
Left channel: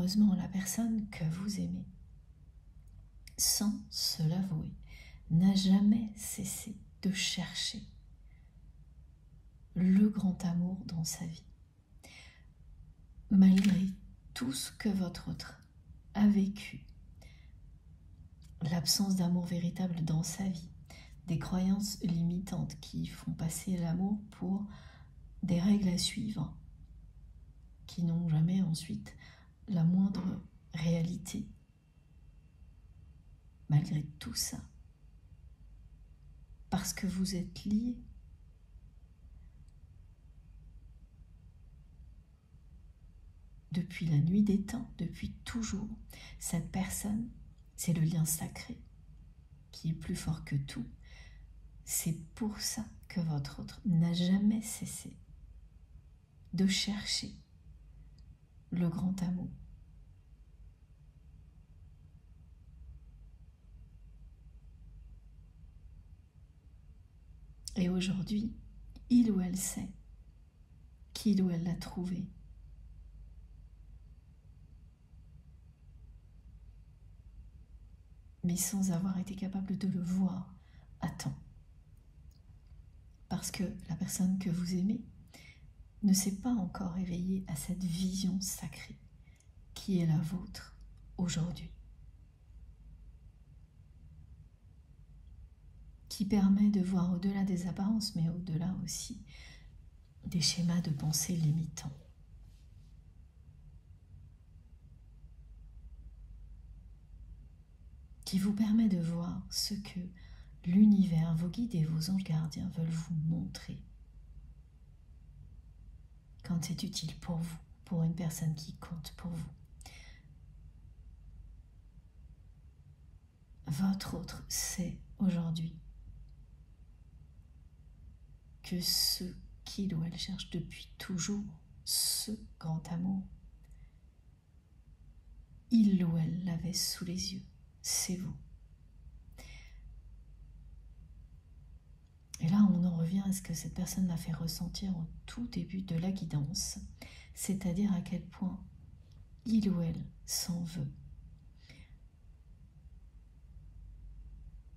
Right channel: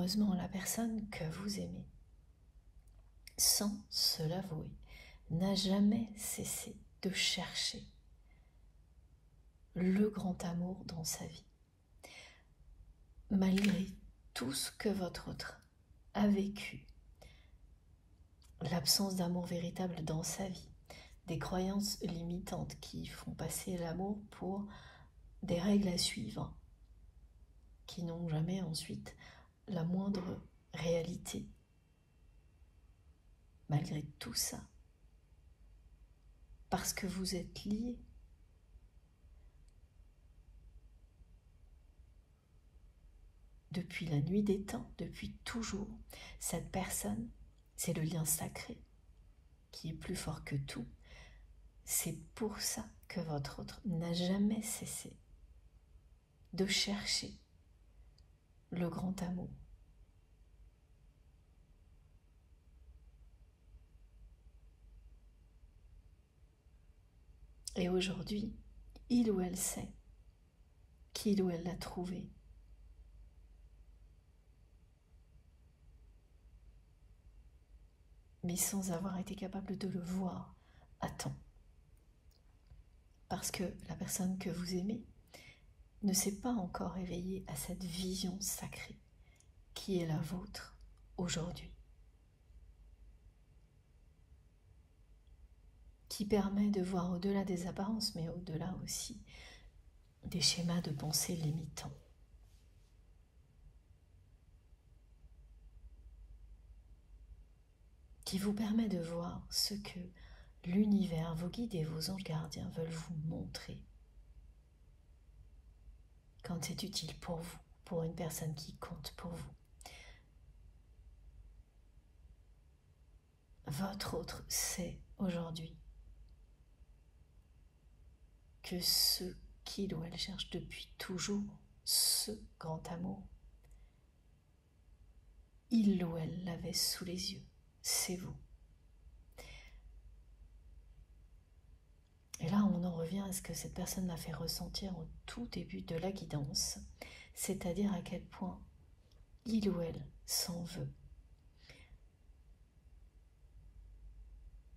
malheureusement, la personne que vous aimez, sans se l'avouer, n'a jamais cessé de chercher le grand amour dans sa vie. Malgré tout ce que votre autre a vécu, l'absence d'amour véritable dans sa vie, des croyances limitantes qui font passer l'amour pour des règles à suivre, qui n'ont jamais ensuite la moindre réalité. Malgré tout ça, parce que vous êtes liés, depuis la nuit des temps, depuis toujours, cette personne, c'est le lien sacré qui est plus fort que tout. C'est pour ça que votre autre n'a jamais cessé de chercher le grand amour. Et aujourd'hui, il ou elle sait qu'il ou elle l'a trouvé. Mais sans avoir été capable de le voir à temps. Parce que la personne que vous aimez ne s'est pas encore éveillée à cette vision sacrée qui est la vôtre aujourd'hui. Qui permet de voir au-delà des apparences, mais au-delà aussi des schémas de pensée limitants. Qui vous permet de voir ce que l'univers, vos guides et vos anges gardiens veulent vous montrer quand c'est utile pour vous, pour une personne qui compte pour vous. Votre autre sait aujourd'hui que ce qu'il ou elle cherche depuis toujours, ce grand amour, il ou elle l'avait sous les yeux, c'est vous. Et là, on en revient à ce que cette personne m'a fait ressentir au tout début de la guidance, c'est-à-dire à quel point il ou elle s'en veut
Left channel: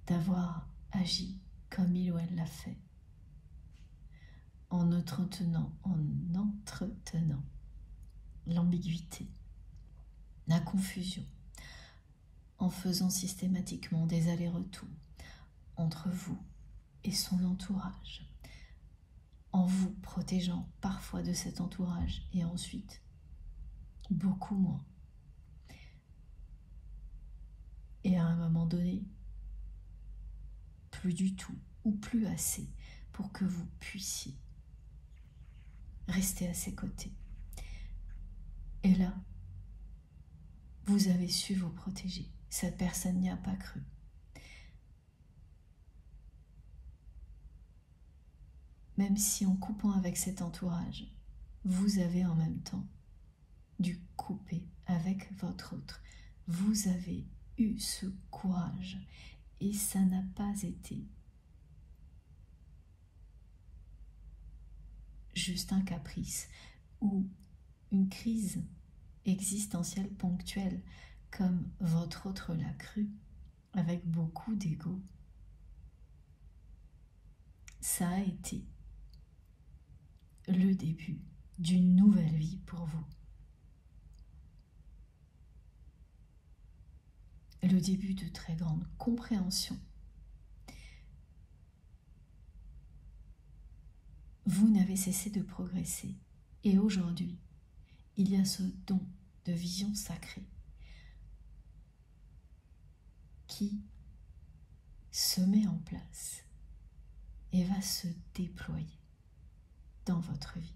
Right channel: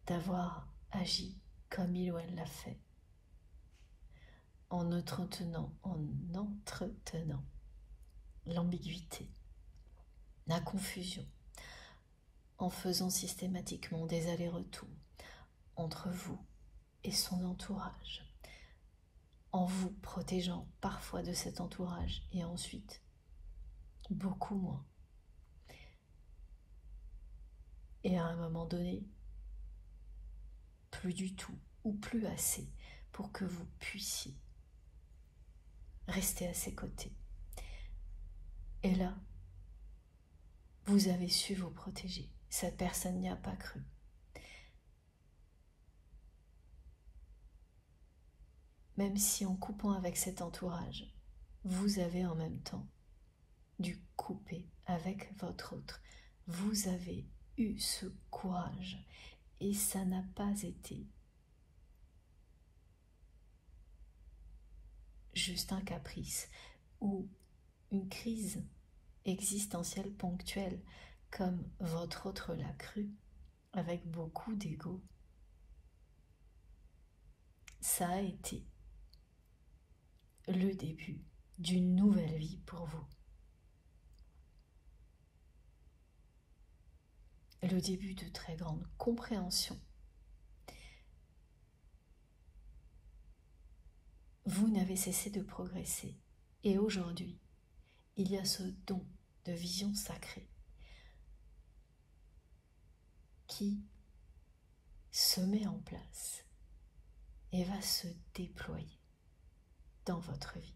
d'avoir agi comme il ou elle l'a fait, en entretenant l'ambiguïté, la confusion, en faisant systématiquement des allers-retours entre vous et son entourage, en vous protégeant parfois de cet entourage et ensuite beaucoup moins. Et à un moment donné, plus du tout ou plus assez pour que vous puissiez rester à ses côtés. Et là, vous avez su vous protéger. Cette personne n'y a pas cru. Même si en coupant avec cet entourage, vous avez en même temps dû couper avec votre autre. Vous avez eu ce courage et ça n'a pas été juste un caprice ou une crise existentielle ponctuelle comme votre autre l'a cru avec beaucoup d'ego. Ça a été le début d'une nouvelle vie pour vous. Le début de très grande compréhension. Vous n'avez cessé de progresser et aujourd'hui, il y a ce don de vision sacrée qui se met en place et va se déployer dans votre vie.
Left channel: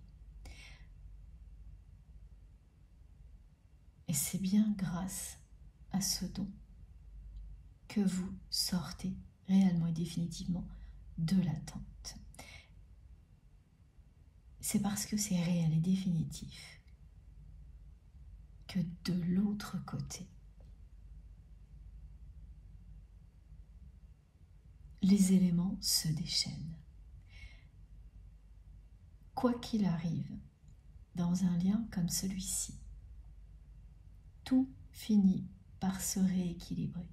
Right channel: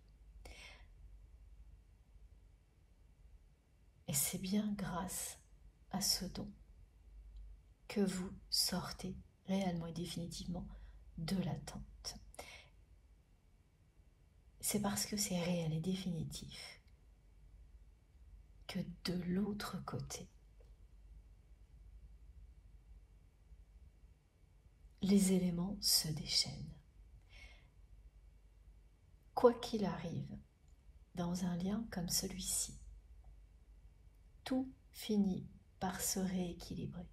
Et c'est bien grâce à ce don que vous sortez réellement et définitivement de l'attente. C'est parce que c'est réel et définitif que de l'autre côté, les éléments se déchaînent. Quoi qu'il arrive, dans un lien comme celui-ci, tout finit par se rééquilibrer.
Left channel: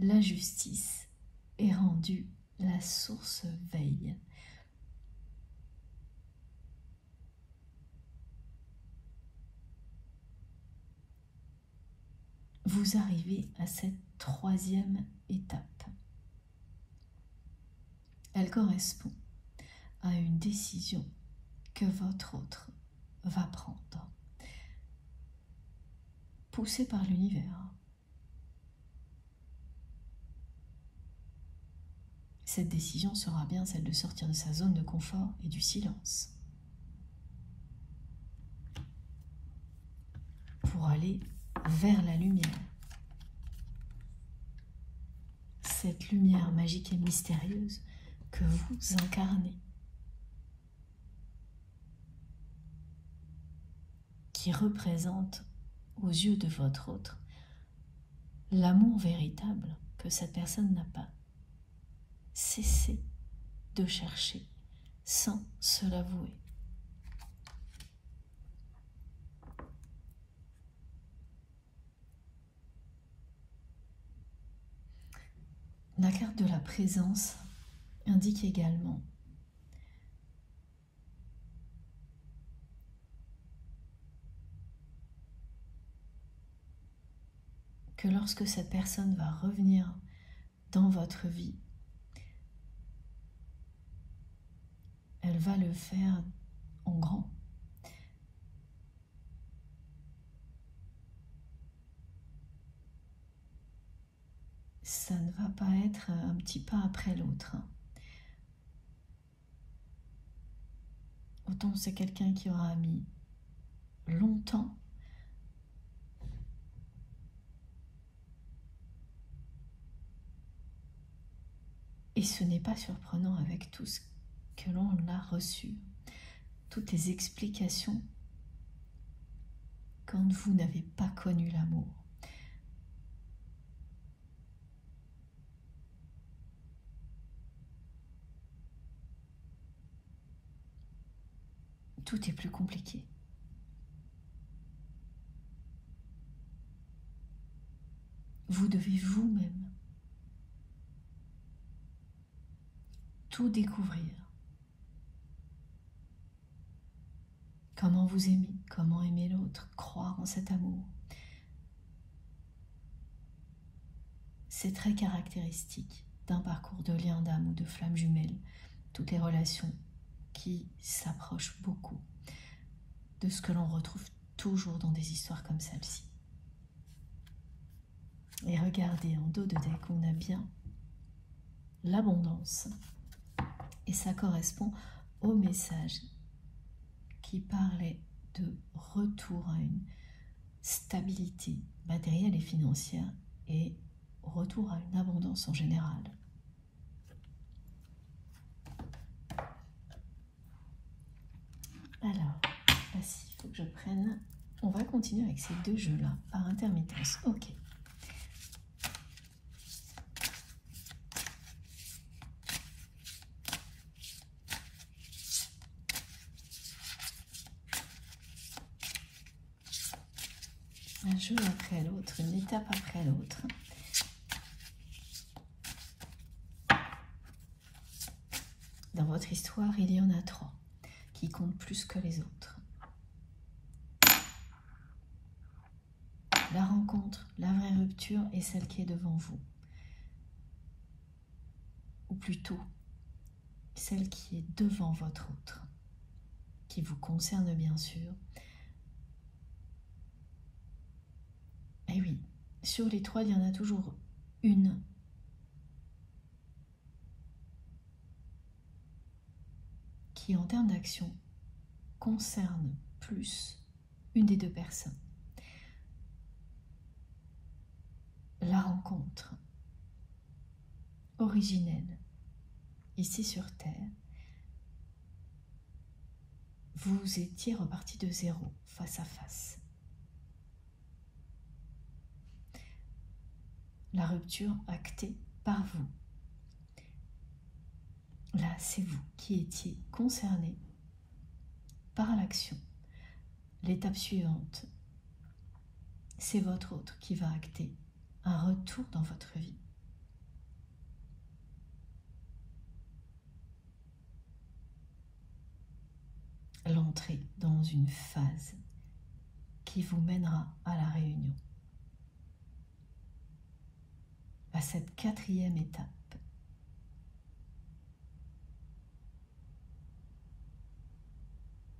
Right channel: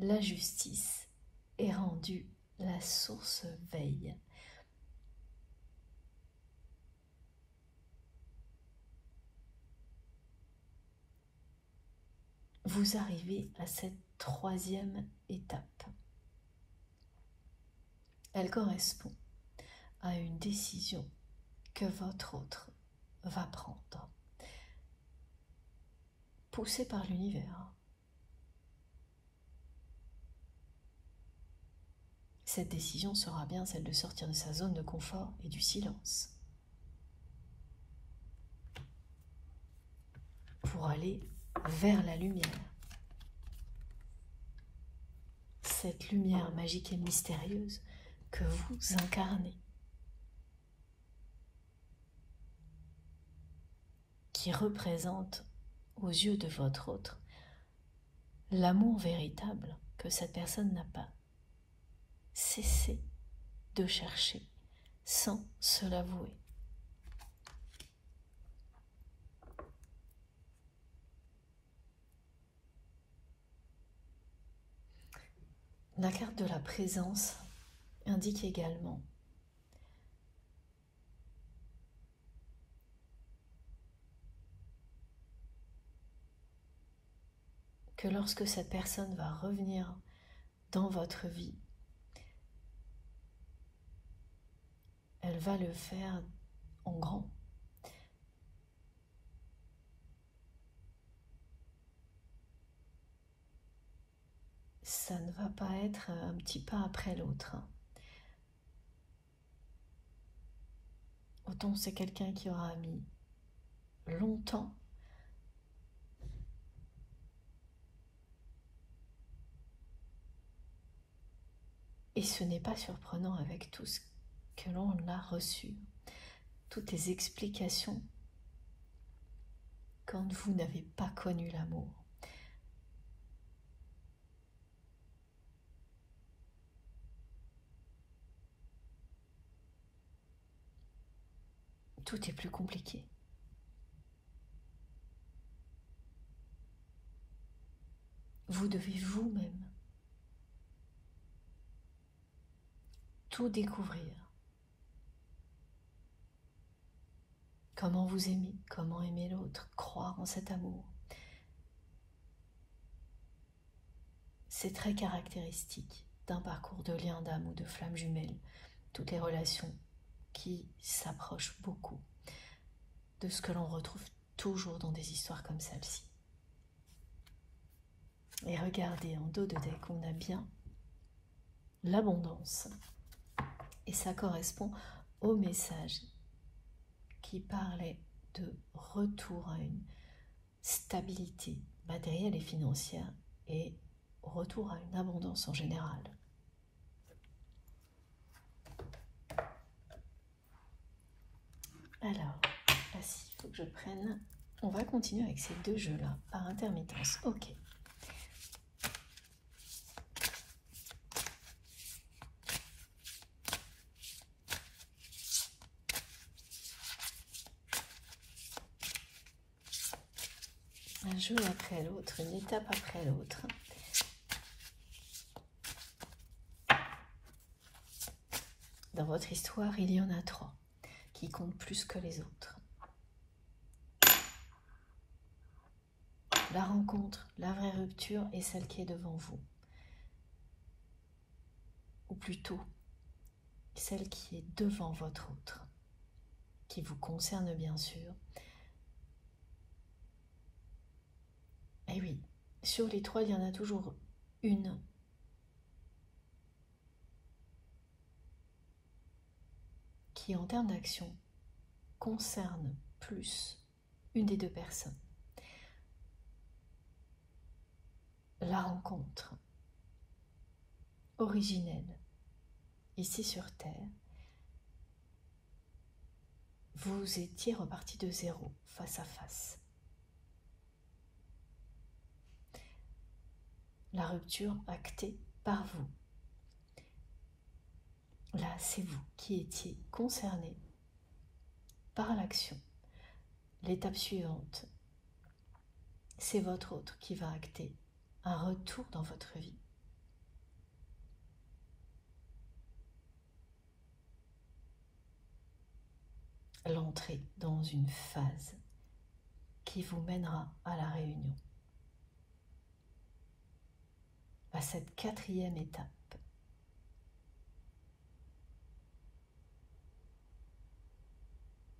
La justice est rendue, la source veille. Vous arrivez à cette troisième étape. Elle correspond à une décision que votre autre va prendre, poussé par l'univers. Cette décision sera bien celle de sortir de sa zone de confort et du silence pour aller vers la lumière. Cette lumière magique et mystérieuse que vous incarnez, qui représente aux yeux de votre autre l'amour véritable que cette personne n'a pas cessé de chercher sans se l'avouer. La carte de la présence indique également que lorsque cette personne va revenir dans votre vie, elle va le faire en grand. Ça ne va pas être un petit pas après l'autre. Autant c'est quelqu'un qui aura mis longtemps et ce n'est pas surprenant avec tout ce que l'on a reçu, toutes les explications quand vous n'avez pas connu l'amour. Tout est plus compliqué. Vous devez vous-même tout découvrir. Comment vous aimer, comment aimer l'autre, croire en cet amour. C'est très caractéristique d'un parcours de lien d'âme ou de flamme jumelle, toutes les relations qui s'approchent beaucoup de ce que l'on retrouve toujours dans des histoires comme celle-ci. Et regardez, en dos de deck, on a bien l'abondance. Et ça correspond au message qui parlait de retour à une stabilité matérielle et financière et retour à une abondance en général. Alors, voici, il faut que je prenne. On va continuer avec ces deux jeux-là par intermittence. Ok. Un jeu après l'autre, une étape après l'autre. Dans votre histoire, il y en a 3 qui comptent plus que les autres. La rencontre, la vraie rupture et celle qui est devant vous. Ou plutôt, celle qui est devant votre autre, qui vous concerne bien sûr. Et oui, sur les 3, il y en a toujours une qui, en termes d'action, concerne plus une des 2 personnes. La rencontre originelle, ici sur Terre, vous étiez reparti de zéro, face à face. La rupture actée par vous. Là, c'est vous qui étiez concerné par l'action. L'étape suivante c'est votre autre qui va acter un retour dans votre vie. L'entrée dans une phase qui vous mènera à la réunion, à cette 4e étape.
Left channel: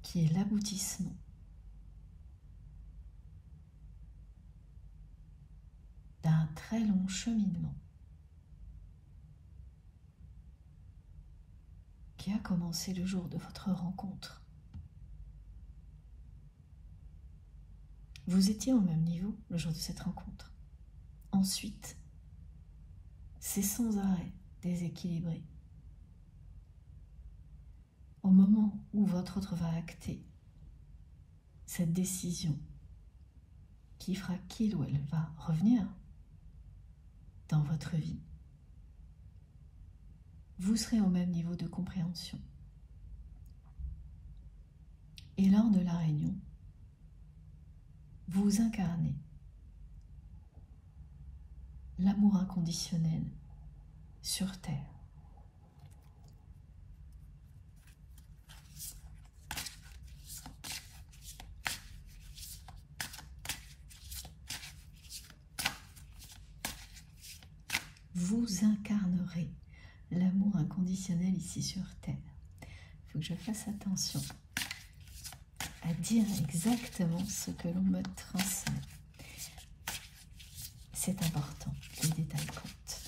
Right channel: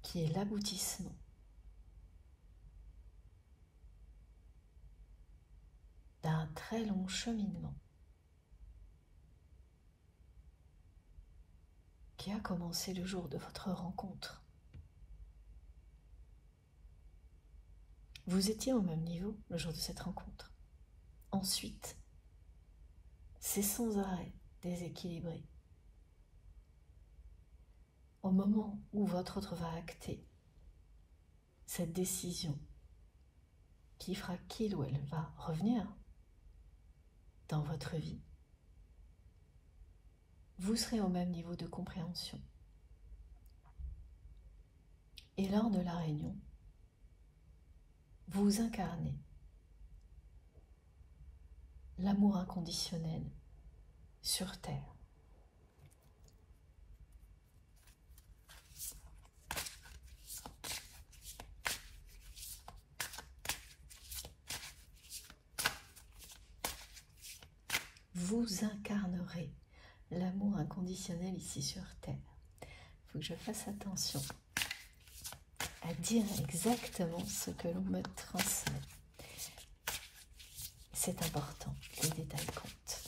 Qui est l'aboutissement d'un très long cheminement qui a commencé le jour de votre rencontre. Vous étiez au même niveau le jour de cette rencontre. Ensuite, c'est sans arrêt déséquilibré. Au moment où votre autre va acter cette décision qui fera qu'il ou elle va revenir dans votre vie, vous serez au même niveau de compréhension. Et lors de la réunion, vous incarnez l'amour inconditionnel sur Terre. Vous incarnerez l'amour inconditionnel ici sur Terre. Il faut que je fasse attention à dire exactement ce que l'on me transmet. C'est important, les détails comptent.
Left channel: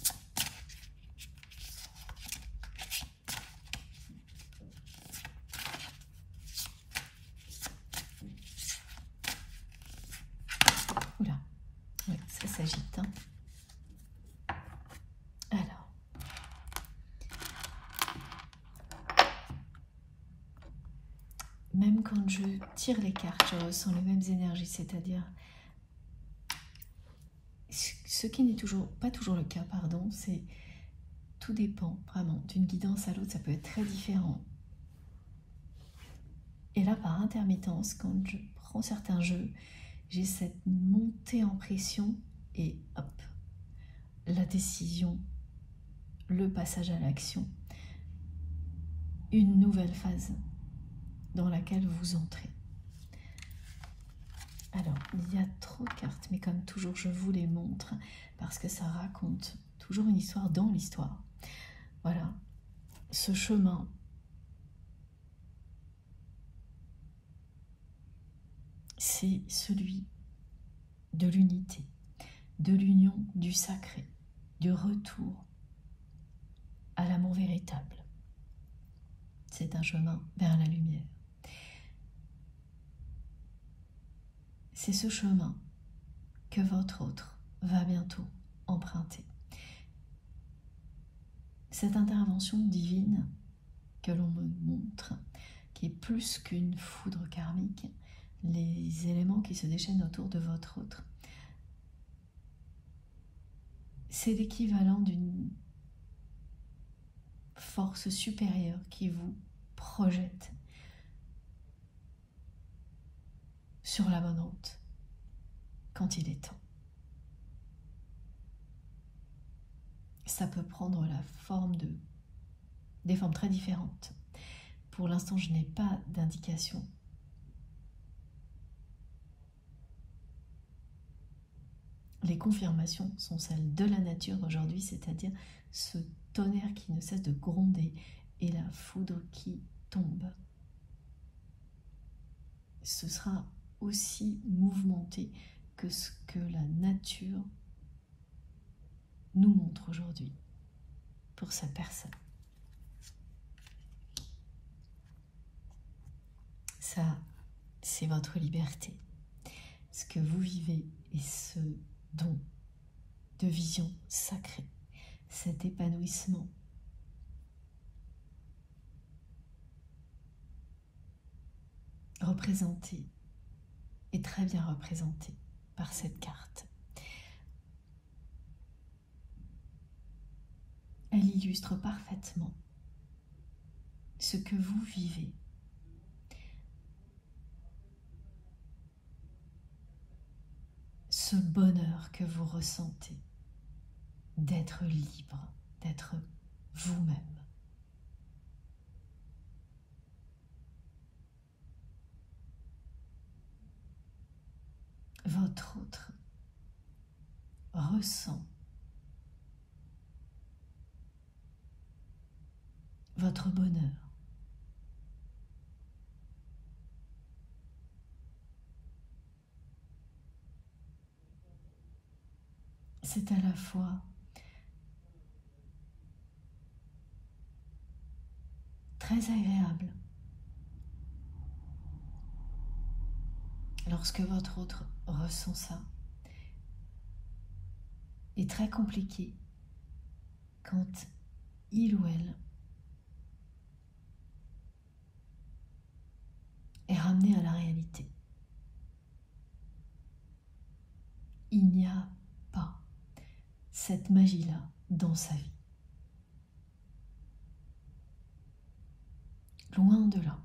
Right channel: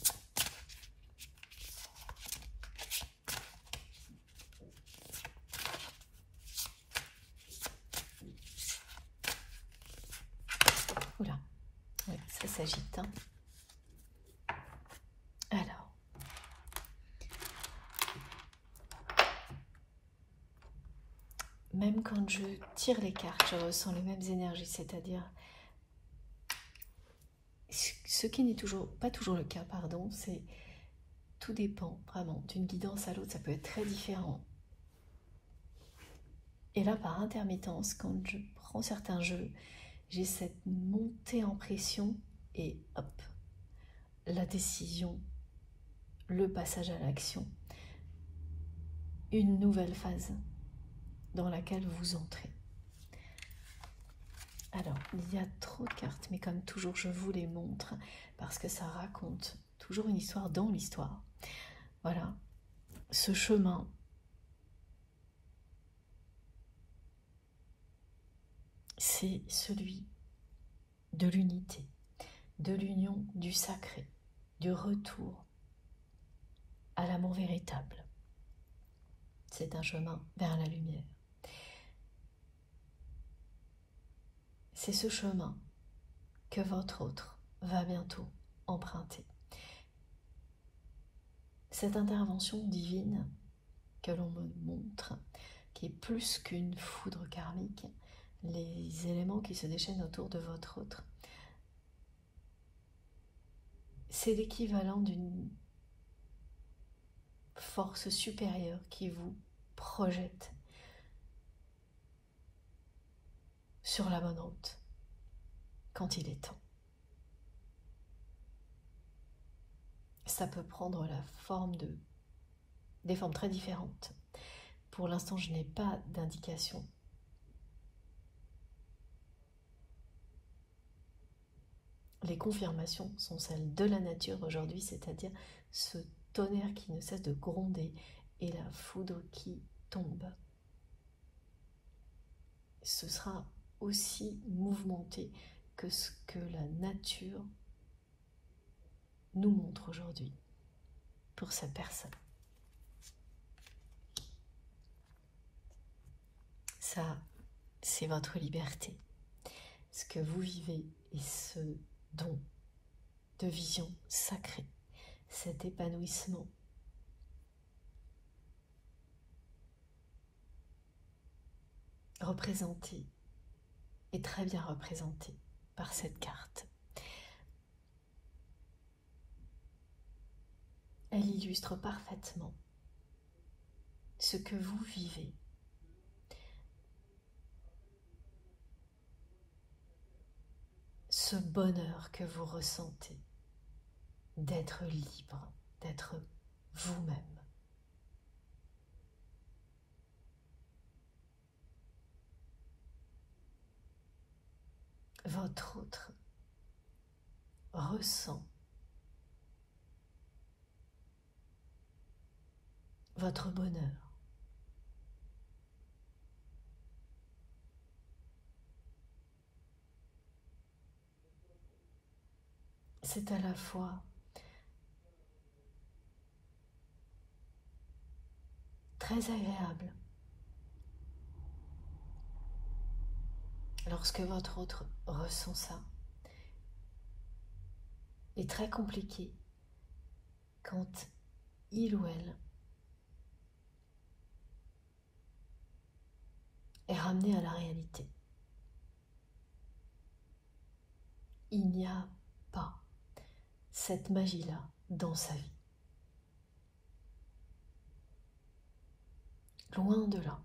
Oula, oui, ça s'agite, hein. Alors, même quand je tire les cartes, je ressens les mêmes énergies, c'est-à-dire ce qui n'est pas toujours le cas, pardon, c'est tout dépend vraiment d'une guidance à l'autre, ça peut être très différent. Et là, par intermittence, quand je prends certains jeux, j'ai cette montée en pression et hop, la décision, le passage à l'action, une nouvelle phase dans laquelle vous entrez. Alors, il y a trop de cartes, mais comme toujours, je vous les montre parce que ça raconte toujours une histoire dans l'histoire. Voilà, ce chemin, c'est celui de l'unité, de l'union du sacré, du retour à l'amour véritable. C'est un chemin vers la lumière. C'est ce chemin que votre autre va bientôt emprunter. Cette intervention divine que l'on me montre, qui est plus qu'une foudre karmique, les éléments qui se déchaînent autour de votre autre, c'est l'équivalent d'une force supérieure qui vous projette sur la bonne route quand il est temps. Ça peut prendre la forme des formes très différentes. Pour l'instant, je n'ai pas d'indication. Les confirmations sont celles de la nature aujourd'hui, c'est-à-dire ce tonnerre qui ne cesse de gronder et la foudre qui tombe. Ce sera aussi mouvementé que ce que la nature nous montre aujourd'hui pour cette personne. Ça, c'est votre liberté. Ce que vous vivez et ce don de vision sacrée, cet épanouissement, représenté et très bien représenté par cette carte. Elle illustre parfaitement ce que vous vivez. ce bonheur que vous ressentez d'être libre, d'être vous-même. Votre autre ressent votre bonheur. C'est à la fois très agréable lorsque votre autre ressent ça, et très compliqué quand il ou elle est ramené à la réalité. Il n'y a pas cette magie-là dans sa vie. Loin de là.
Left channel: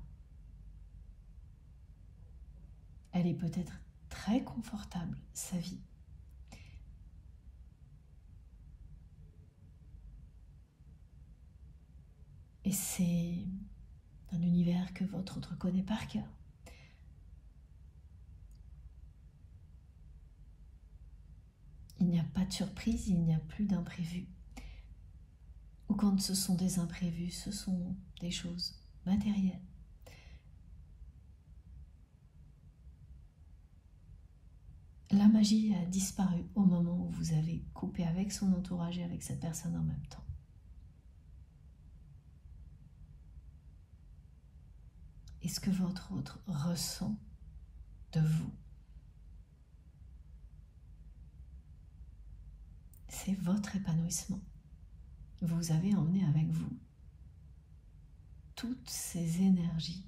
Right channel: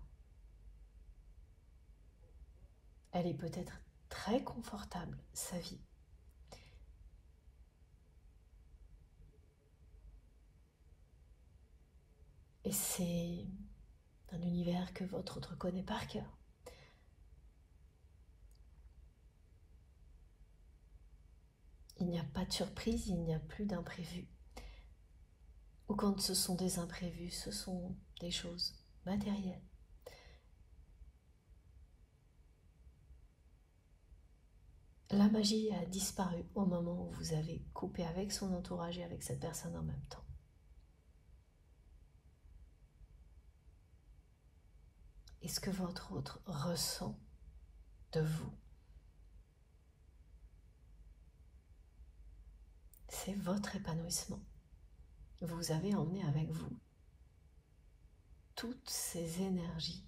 Elle est peut-être très confortable, sa vie. Et c'est un univers que votre autre connaît par cœur. Il n'y a pas de surprise, il n'y a plus d'imprévu. Ou quand ce sont des imprévus, ce sont des choses matérielles. La magie a disparu au moment où vous avez coupé avec son entourage et avec cette personne en même temps. Et ce que votre autre ressent de vous, c'est votre épanouissement. Vous avez emmené avec vous toutes ces énergies.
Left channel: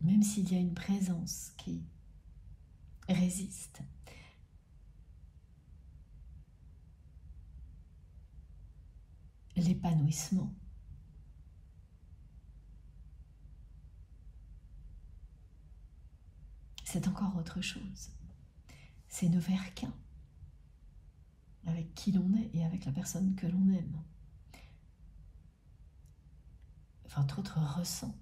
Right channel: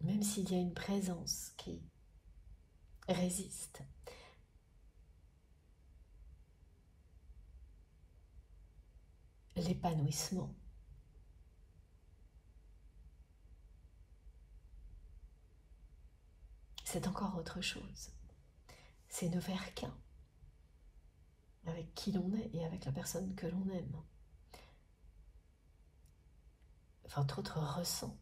Même s'il y a une présence qui résiste, l'épanouissement, c'est encore autre chose. C'est ne faire qu'un avec qui l'on est et avec la personne que l'on aime. Votre autre ressent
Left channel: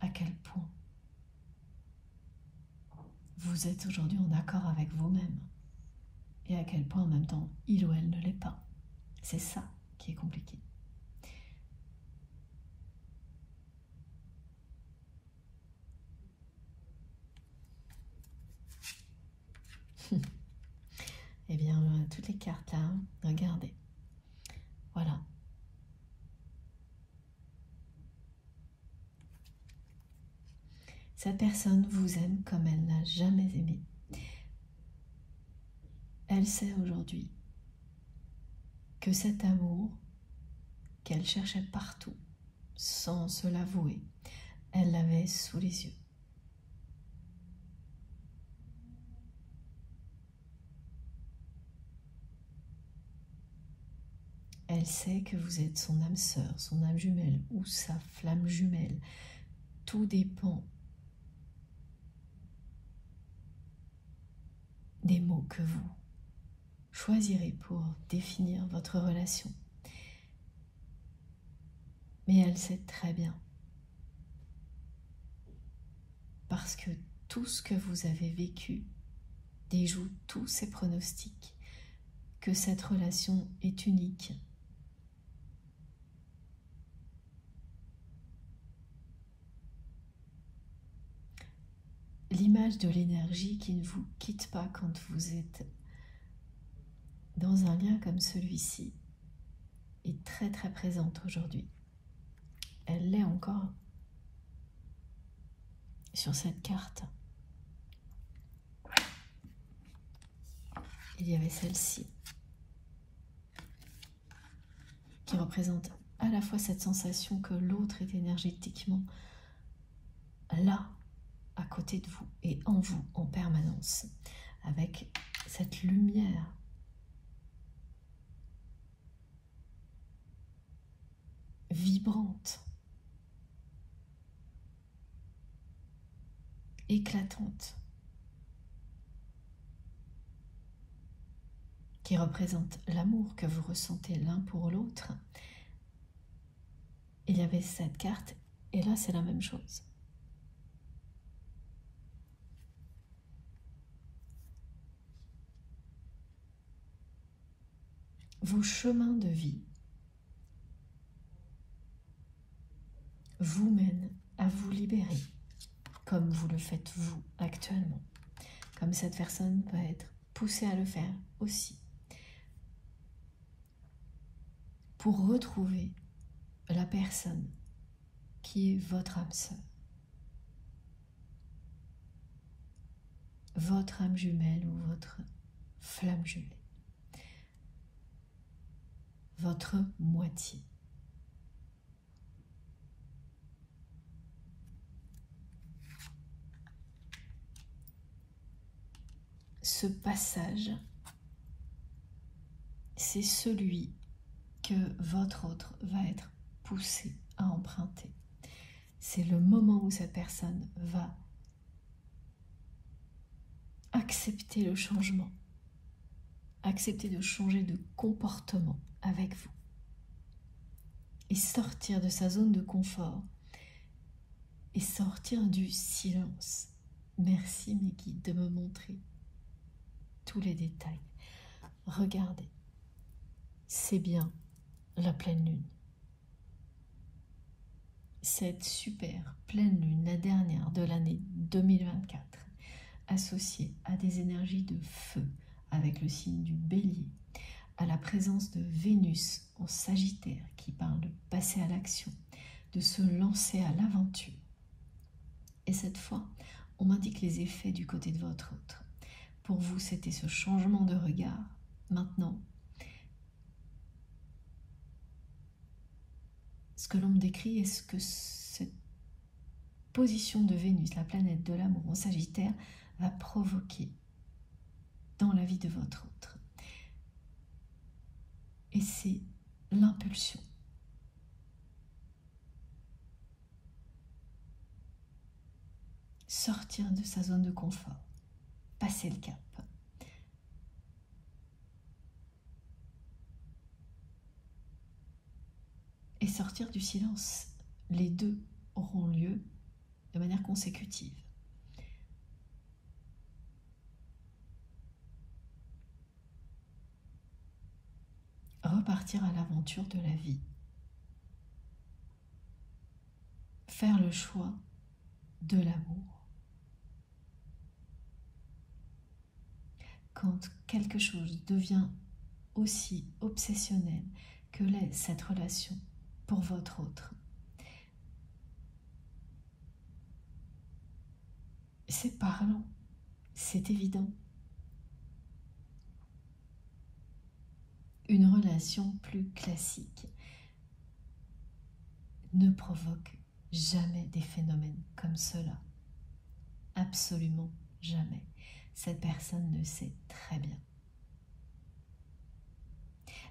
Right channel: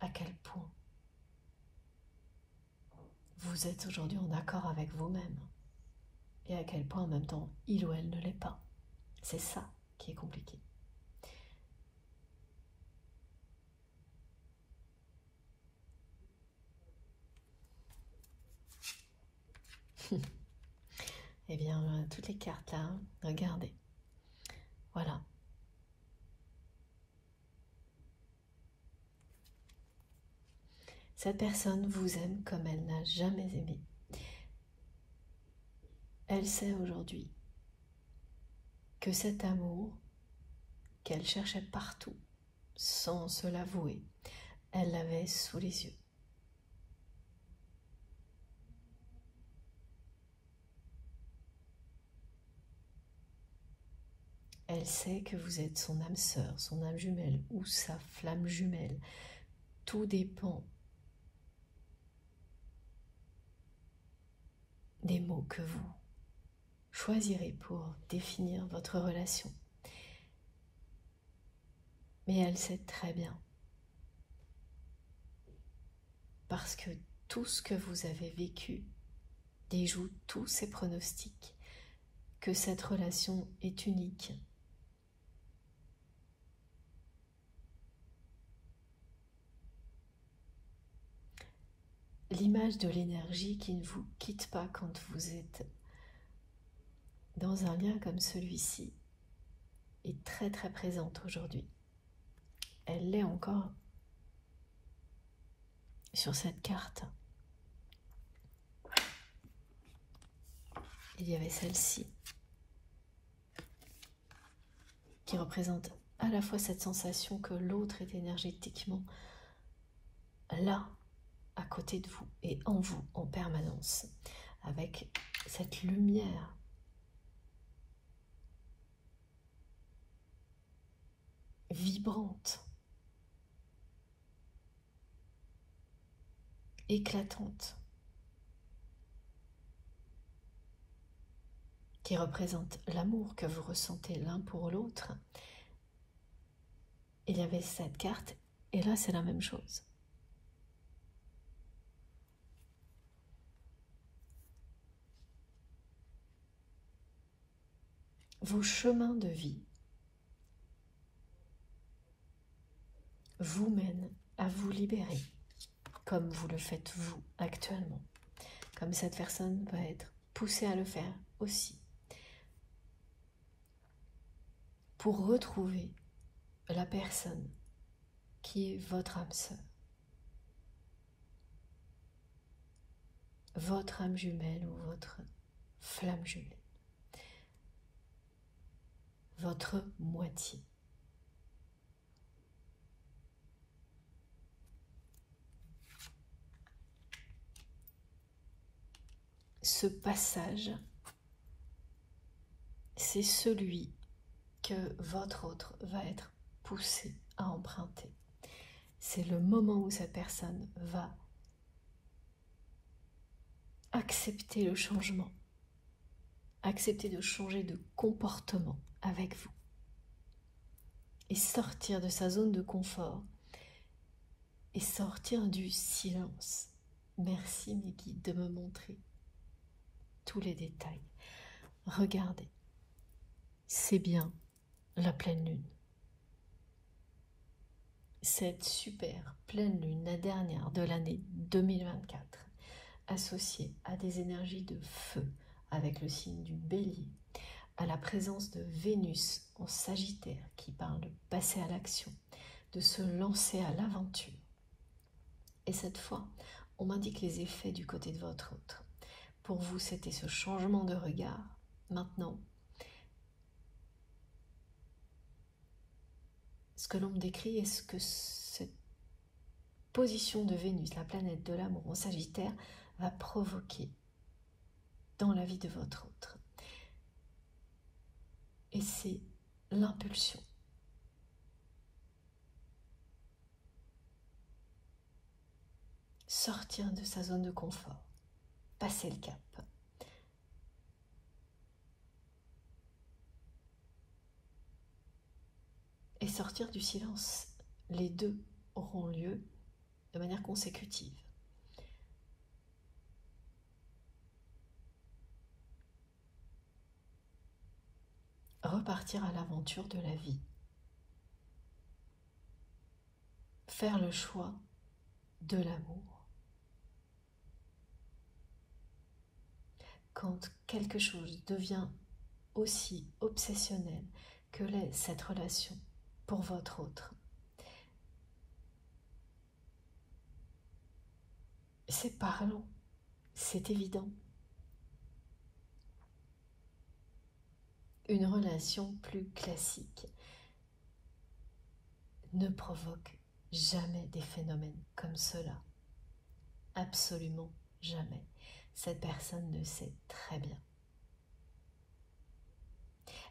à quel point vous êtes aujourd'hui en accord avec vous-même et à quel point en même temps il ou elle ne l'est pas. C'est ça qui est compliqué. Eh bien, toutes les cartes là, regardez. Voilà. Cette personne vous aime comme elle n'a jamais aimé. Elle sait aujourd'hui que cet amour qu'elle cherchait partout, sans se l'avouer, elle l'avait sous les yeux. Elle sait que vous êtes son âme sœur, son âme jumelle ou sa flamme jumelle. Tout dépend des mots que vous choisirez pour définir votre relation. Mais elle sait très bien, parce que tout ce que vous avez vécu déjoue tous ces pronostics, que cette relation est unique. L'image de l'énergie qui ne vous quitte pas quand vous êtes dans un lien comme celui-ci est très très présente aujourd'hui. Elle l'est encore sur cette carte. Il y avait celle-ci qui représente à la fois cette sensation que l'autre est énergétiquement là, à côté de vous et en vous en permanence, avec cette lumière vibrante éclatante qui représente l'amour que vous ressentez l'un pour l'autre. Il y avait cette carte et là c'est la même chose. Vos chemins de vie vous mènent à vous libérer, comme vous le faites vous actuellement, comme cette personne va être poussée à le faire aussi, pour retrouver la personne qui est votre âme sœur, votre âme jumelle ou votre flamme jumelle, votre moitié. Ce passage, c'est celui que votre autre va être poussé à emprunter. C'est le moment où cette personne va accepter le changement, accepter de changer de comportement avec vous et sortir de sa zone de confort et sortir du silence. Merci mes guides de me montrer tous les détails. Regardez, c'est bien la pleine lune. Cette super pleine lune, la dernière de l'année 2024, associée à des énergies de feu avec le signe du Bélier, à la présence de Vénus en Sagittaire qui parle de passer à l'action, de se lancer à l'aventure. Et cette fois, on m'indique les effets du côté de votre autre. Pour vous, c'était ce changement de regard. Maintenant, ce que l'on me décrit est ce que cette position de Vénus, la planète de l'amour en Sagittaire, va provoquer dans la vie de votre autre. Et c'est l'impulsion. Sortir de sa zone de confort, passer le cap. Et sortir du silence. Les deux auront lieu de manière consécutive. Repartir à l'aventure de la vie. Faire le choix de l'amour. Quand quelque chose devient aussi obsessionnel que l'est cette relation pour votre autre, c'est parlant, c'est évident. Une relation plus classique ne provoque jamais des phénomènes comme cela. Absolument jamais. Cette personne le sait très bien.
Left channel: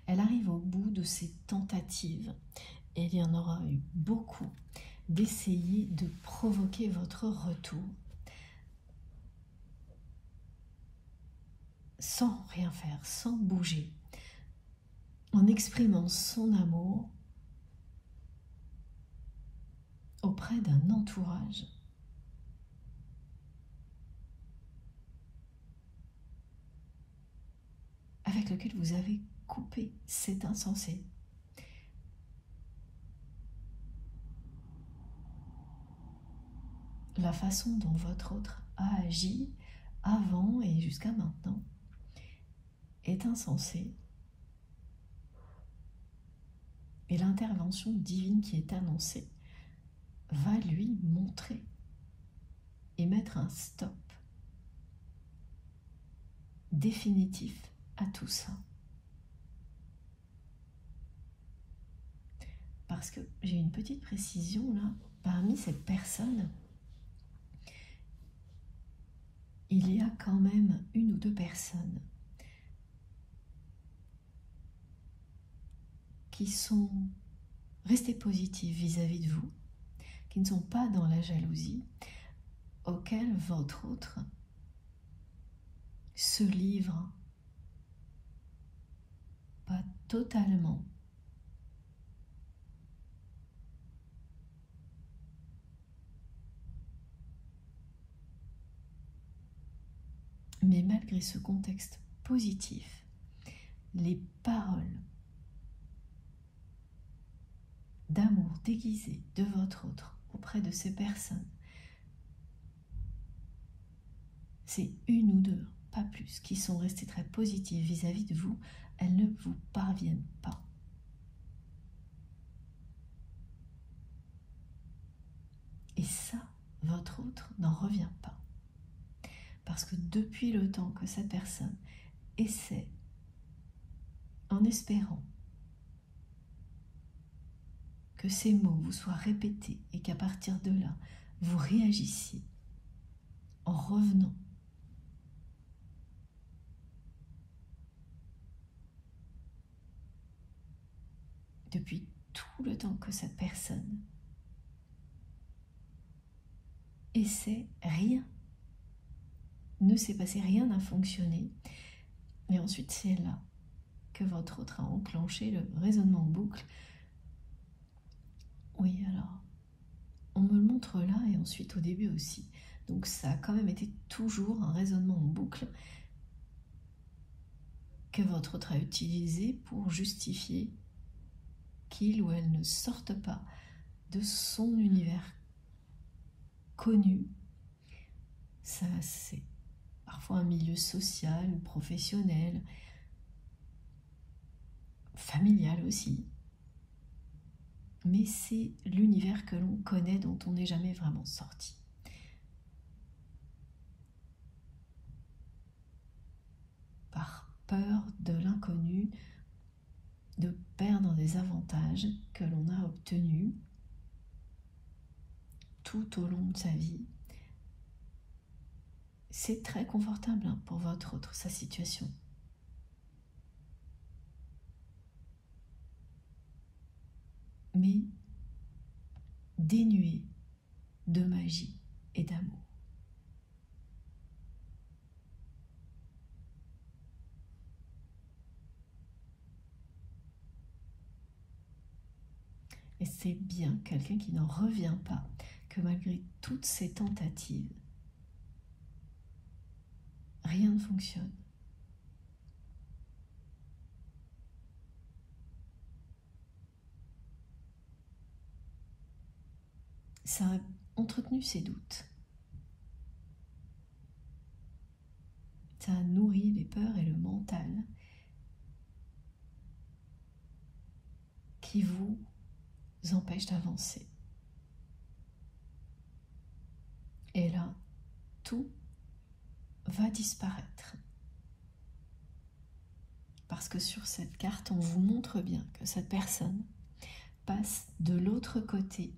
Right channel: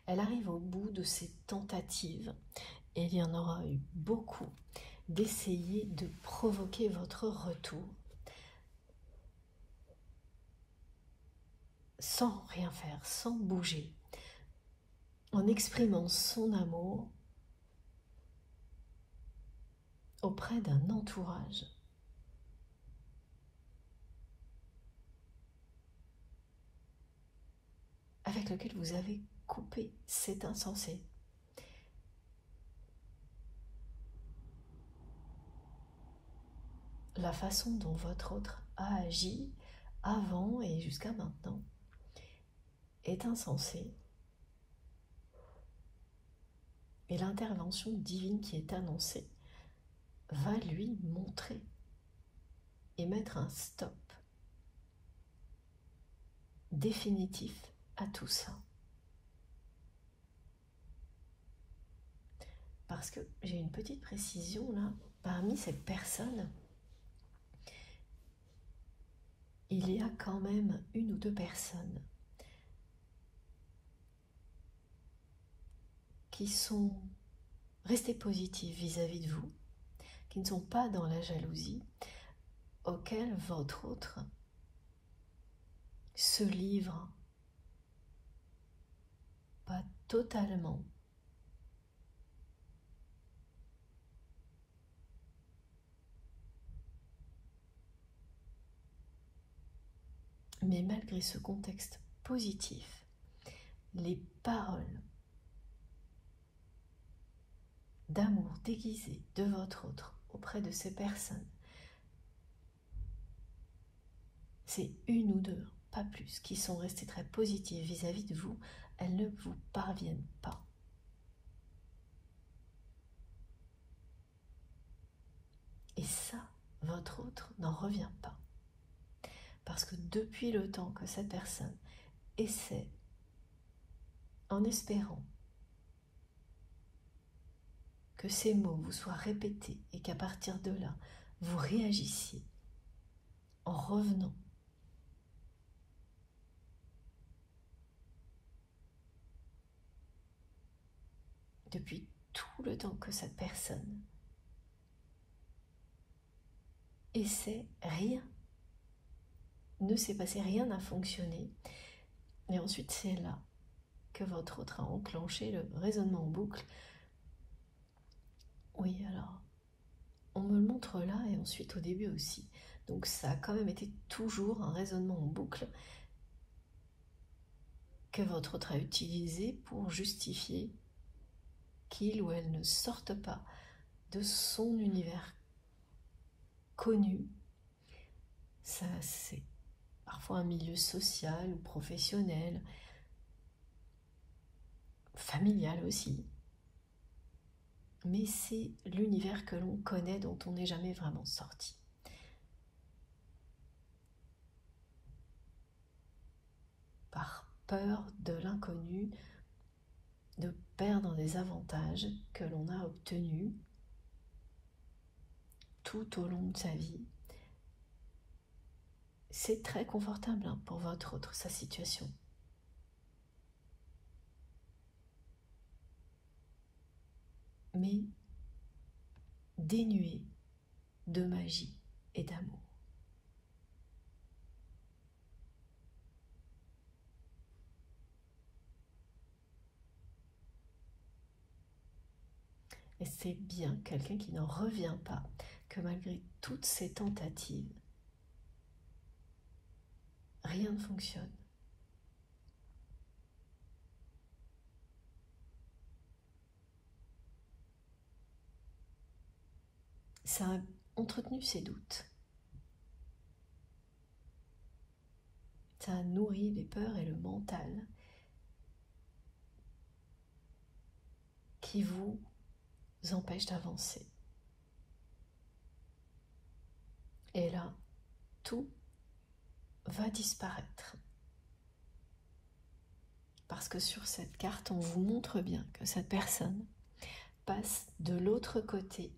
Elle arrive au bout de ses tentatives, et il y en aura eu beaucoup, d'essayer de provoquer votre retour sans rien faire, sans bouger, en exprimant son amour auprès d'un entourage avec lequel vous avez coupé. C'est insensé. La façon dont votre autre a agi avant et jusqu'à maintenant est insensée. Et l'intervention divine qui est annoncée va lui montrer et mettre un stop définitif à tout ça. Parce que j'ai une petite précision là, parmi cette personne, il y a quand même une ou deux personnes qui sont restées positives vis-à-vis de vous, qui ne sont pas dans la jalousie, auquel votre autre se livre, pas totalement, mais malgré ce contexte positif, les paroles d'amour déguisées de votre autre auprès de ces personnes, c'est une ou deux, pas plus, qui sont restées très positives vis-à-vis de vous, elles ne vous parviennent pas. Et ça, votre autre n'en revient pas. Parce que depuis le temps que cette personne essaie, en espérant que ces mots vous soient répétés et qu'à partir de là, vous réagissiez en revenant depuis tout le temps que cette personne essaie, rien ne s'est passé, rien n'a fonctionné. Et ensuite, c'est là que votre autre a enclenché le raisonnement en boucle. Oui, alors, on me le montre là et ensuite au début aussi. Donc ça a quand même été toujours un raisonnement en boucle que votre autre a utilisé pour justifier qu'il ou elle ne sorte pas de son univers connu. Ça, c'est parfois un milieu social ou professionnel, familial aussi. Mais c'est l'univers que l'on connaît, dont on n'est jamais vraiment sorti. Par peur de l'inconnu, de perdre des avantages que l'on a obtenus tout au long de sa vie. C'est très confortable pour votre autre, sa situation. Mais dénué de magie et d'amour. Et c'est bien quelqu'un qui n'en revient pas, que malgré toutes ces tentatives, rien ne fonctionne. Ça a entretenu ses doutes. Ça a nourri les peurs et le mental qui vous empêchent d'avancer. Et là, tout va disparaître. Parce que sur cette carte, on vous montre bien que cette personne passe de l'autre côté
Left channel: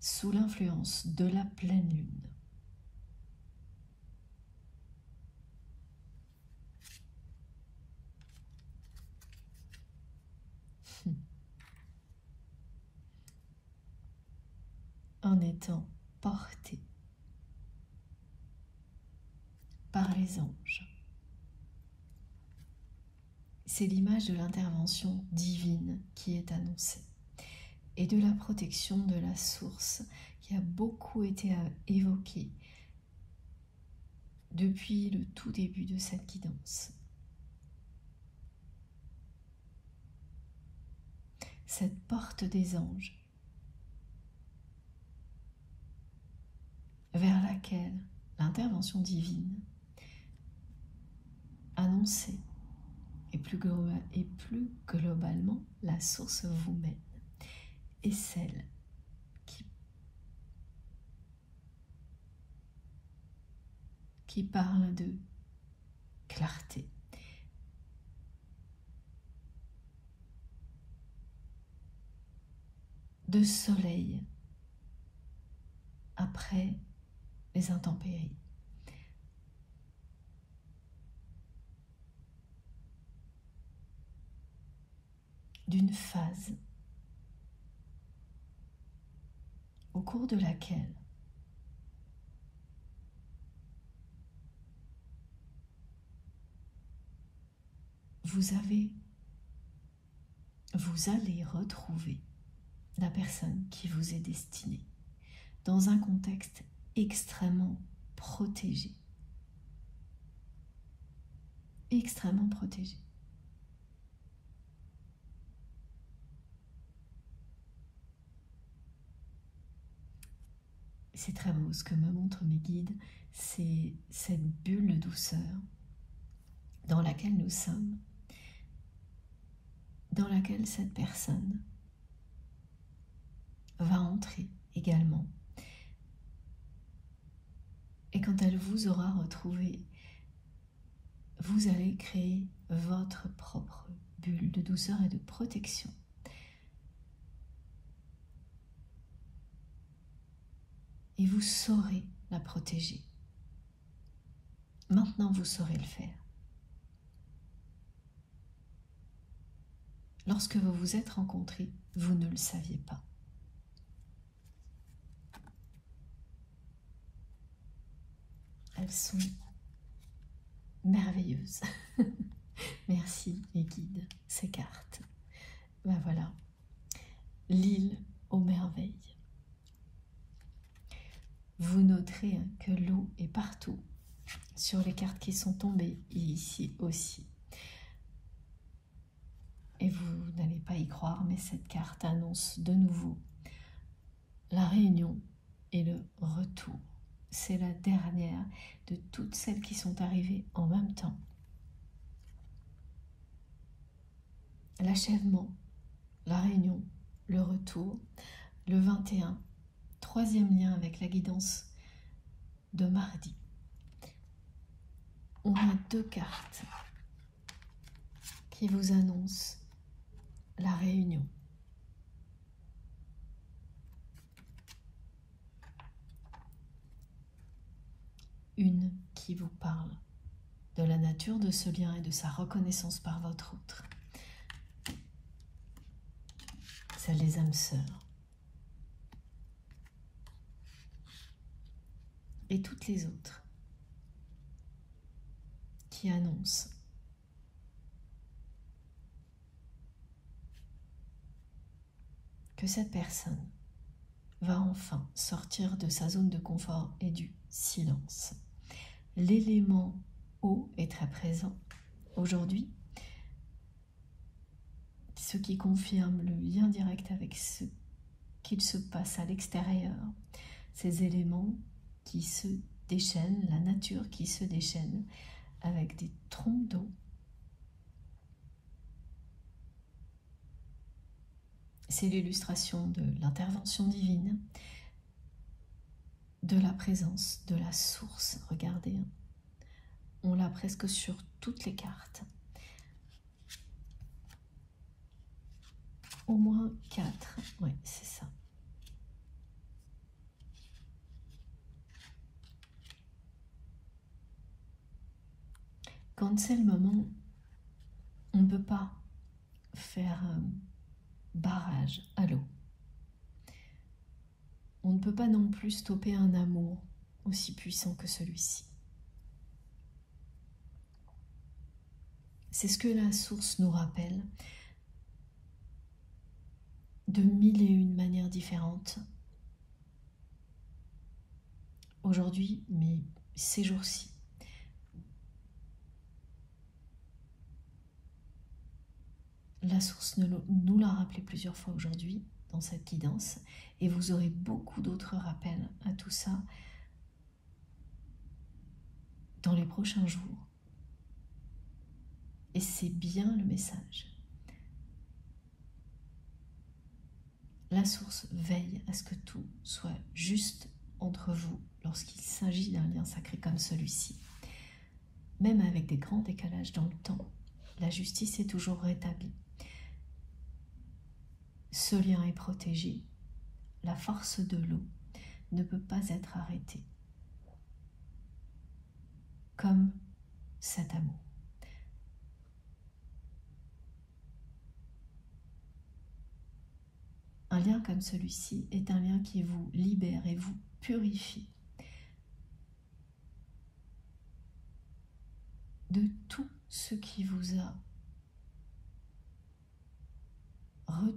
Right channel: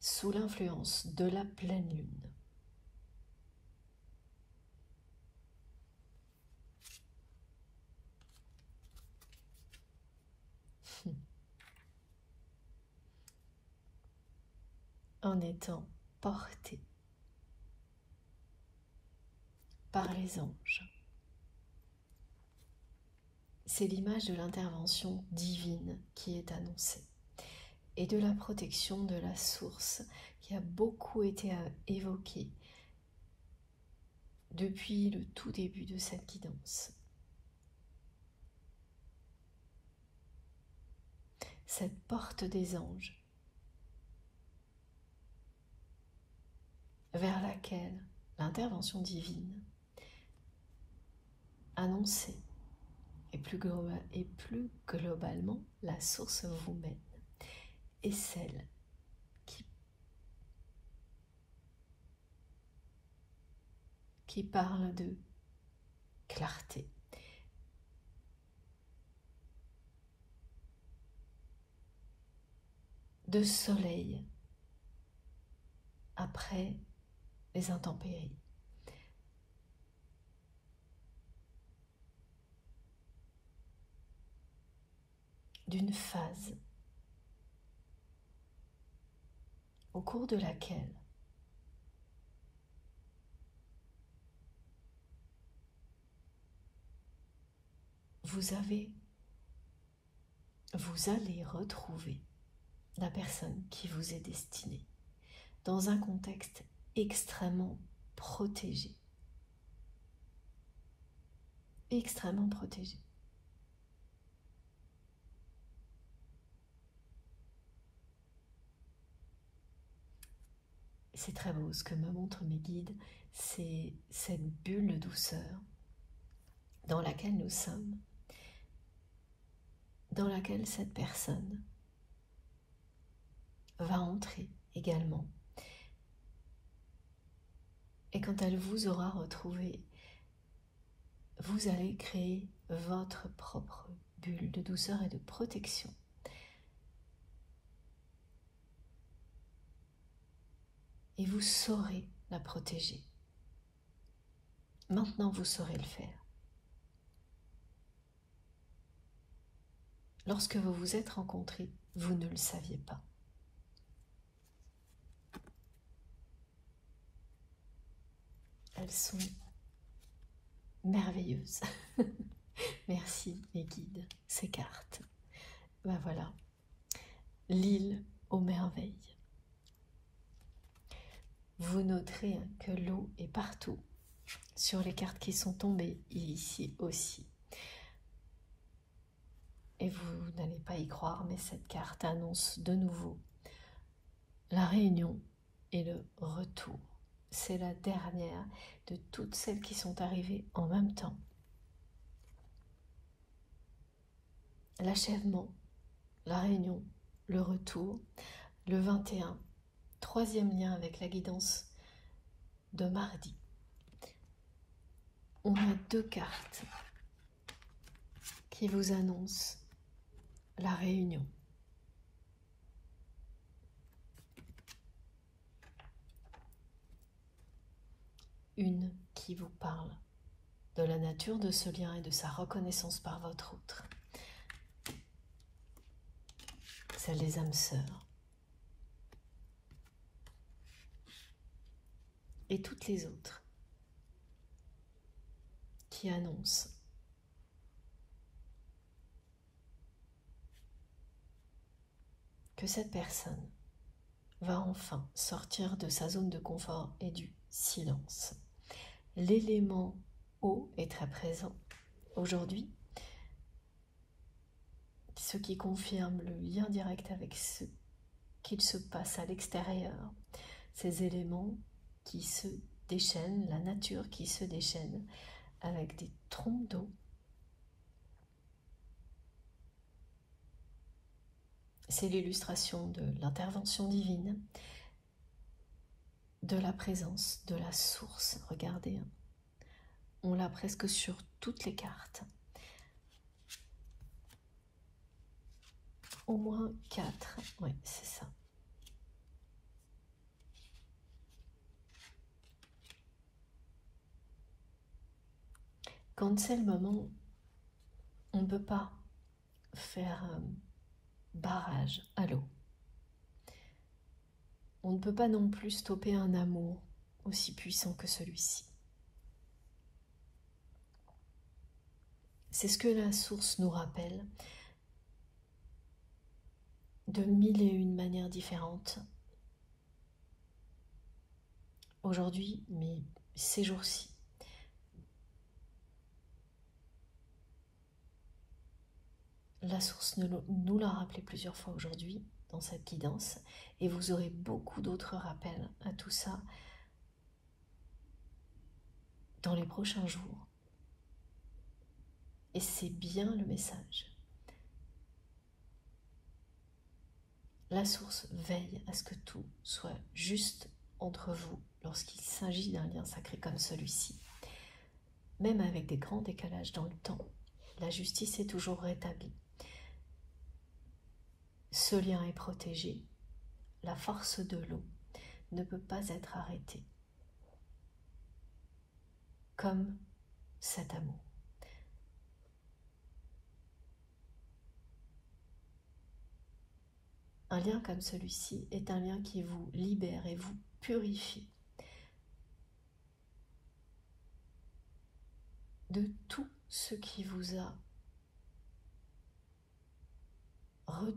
sous l'influence de la pleine lune. En étant porté par les anges. C'est l'image de l'intervention divine qui est annoncée et de la protection de la source qui a beaucoup été évoquée depuis le tout début de cette guidance. Cette porte des anges vers laquelle l'intervention divine annoncée et plus globalement la source vous mène est celle qui parle de clarté, de soleil après les intempéries. D'une phase au cours de laquelle vous allez retrouver la personne qui vous est destinée dans un contexte extrêmement protégé. Extrêmement protégé. C'est très beau, ce que me montrent mes guides, c'est cette bulle de douceur dans laquelle nous sommes, dans laquelle cette personne va entrer également. Et quand elle vous aura retrouvé, vous allez créer votre propre bulle de douceur et de protection. Et vous saurez la protéger. Maintenant, vous saurez le faire. Lorsque vous vous êtes rencontrés, vous ne le saviez pas. Elles sont merveilleuses. Merci mes guides, ces cartes. Ben voilà, l'île aux merveilles. Vous noterez que l'eau est partout, sur les cartes qui sont tombées, et ici aussi. Et vous n'allez pas y croire, mais cette carte annonce de nouveau la réunion et le retour. C'est la dernière de toutes celles qui sont arrivées en même temps. L'achèvement, la réunion, le retour, le 21, troisième lien avec la guidance de mardi. On a deux cartes qui vous annoncent la réunion. Une qui vous parle de la nature de ce lien et de sa reconnaissance par votre autre. Celle des âmes sœurs. Et toutes les autres qui annoncent que cette personne va enfin sortir de sa zone de confort et du silence. L'élément eau est très présent aujourd'hui, ce qui confirme le lien direct avec ce qu'il se passe à l'extérieur, ces éléments qui se déchaînent, la nature qui se déchaîne avec des trompes d'eau. C'est l'illustration de l'intervention divine, de la présence, de la source. Regardez, on l'a presque sur toutes les cartes. Au moins 4, oui, c'est ça. Quand c'est le moment, on ne peut pas faire barrage à l'eau. On ne peut pas non plus stopper un amour aussi puissant que celui-ci. C'est ce que la source nous rappelle de mille et une manières différentes. Aujourd'hui, mais ces jours-ci, la source nous l'a rappelé plusieurs fois aujourd'hui dans cette guidance, et vous aurez beaucoup d'autres rappels à tout ça dans les prochains jours. Et c'est bien le message. La source veille à ce que tout soit juste entre vous lorsqu'il s'agit d'un lien sacré comme celui-ci. Même avec des grands décalages dans le temps, la justice est toujours rétablie. Ce lien est protégé. La force de l'eau ne peut pas être arrêtée. Comme cet amour. Un lien comme celui-ci est un lien qui vous libère et vous purifie de tout ce qui vous a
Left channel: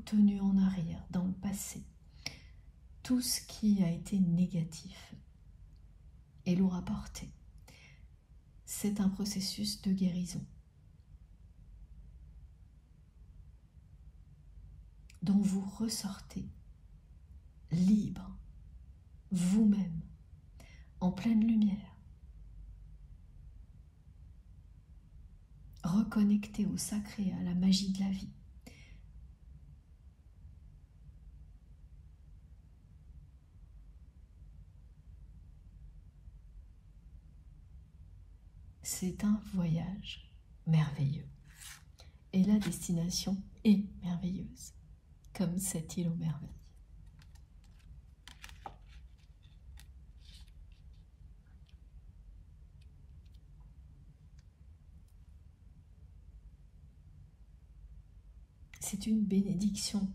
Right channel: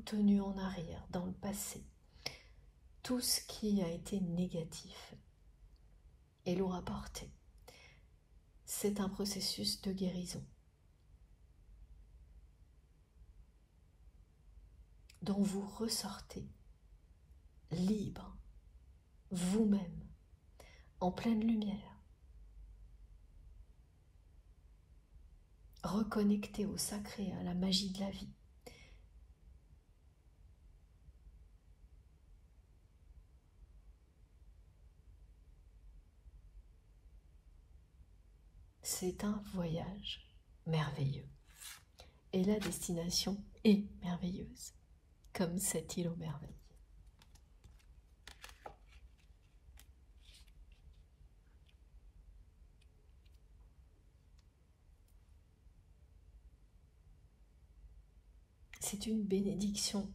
retenu en arrière, dans le passé, tout ce qui a été négatif et l'ont apporté. C'est un processus de guérison dont vous ressortez libre, vous-même, en pleine lumière, reconnecté au sacré, à la magie de la vie. C'est un voyage merveilleux. Et la destination est merveilleuse, comme cette île aux merveilles. C'est une bénédiction,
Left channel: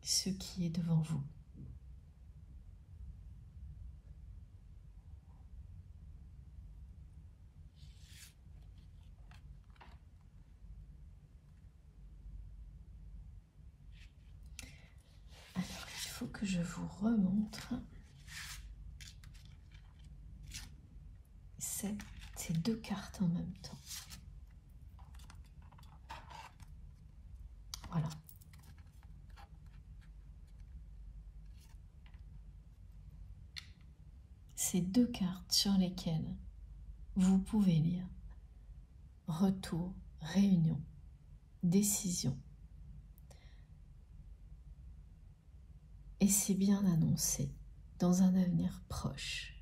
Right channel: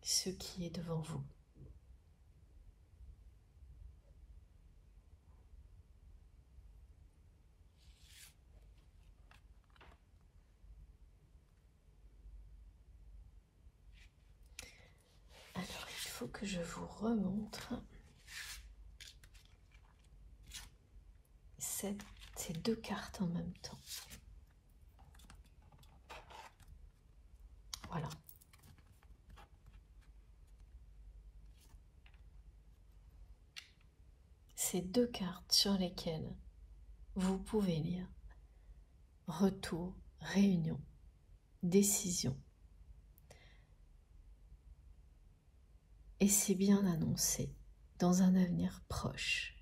ce qui est devant vous. Alors, il faut que je vous remontre ces deux cartes en même temps. Voilà. Ces deux cartes sur lesquelles vous pouvez lire retour, réunion, décision. Et c'est bien annoncé dans un avenir proche.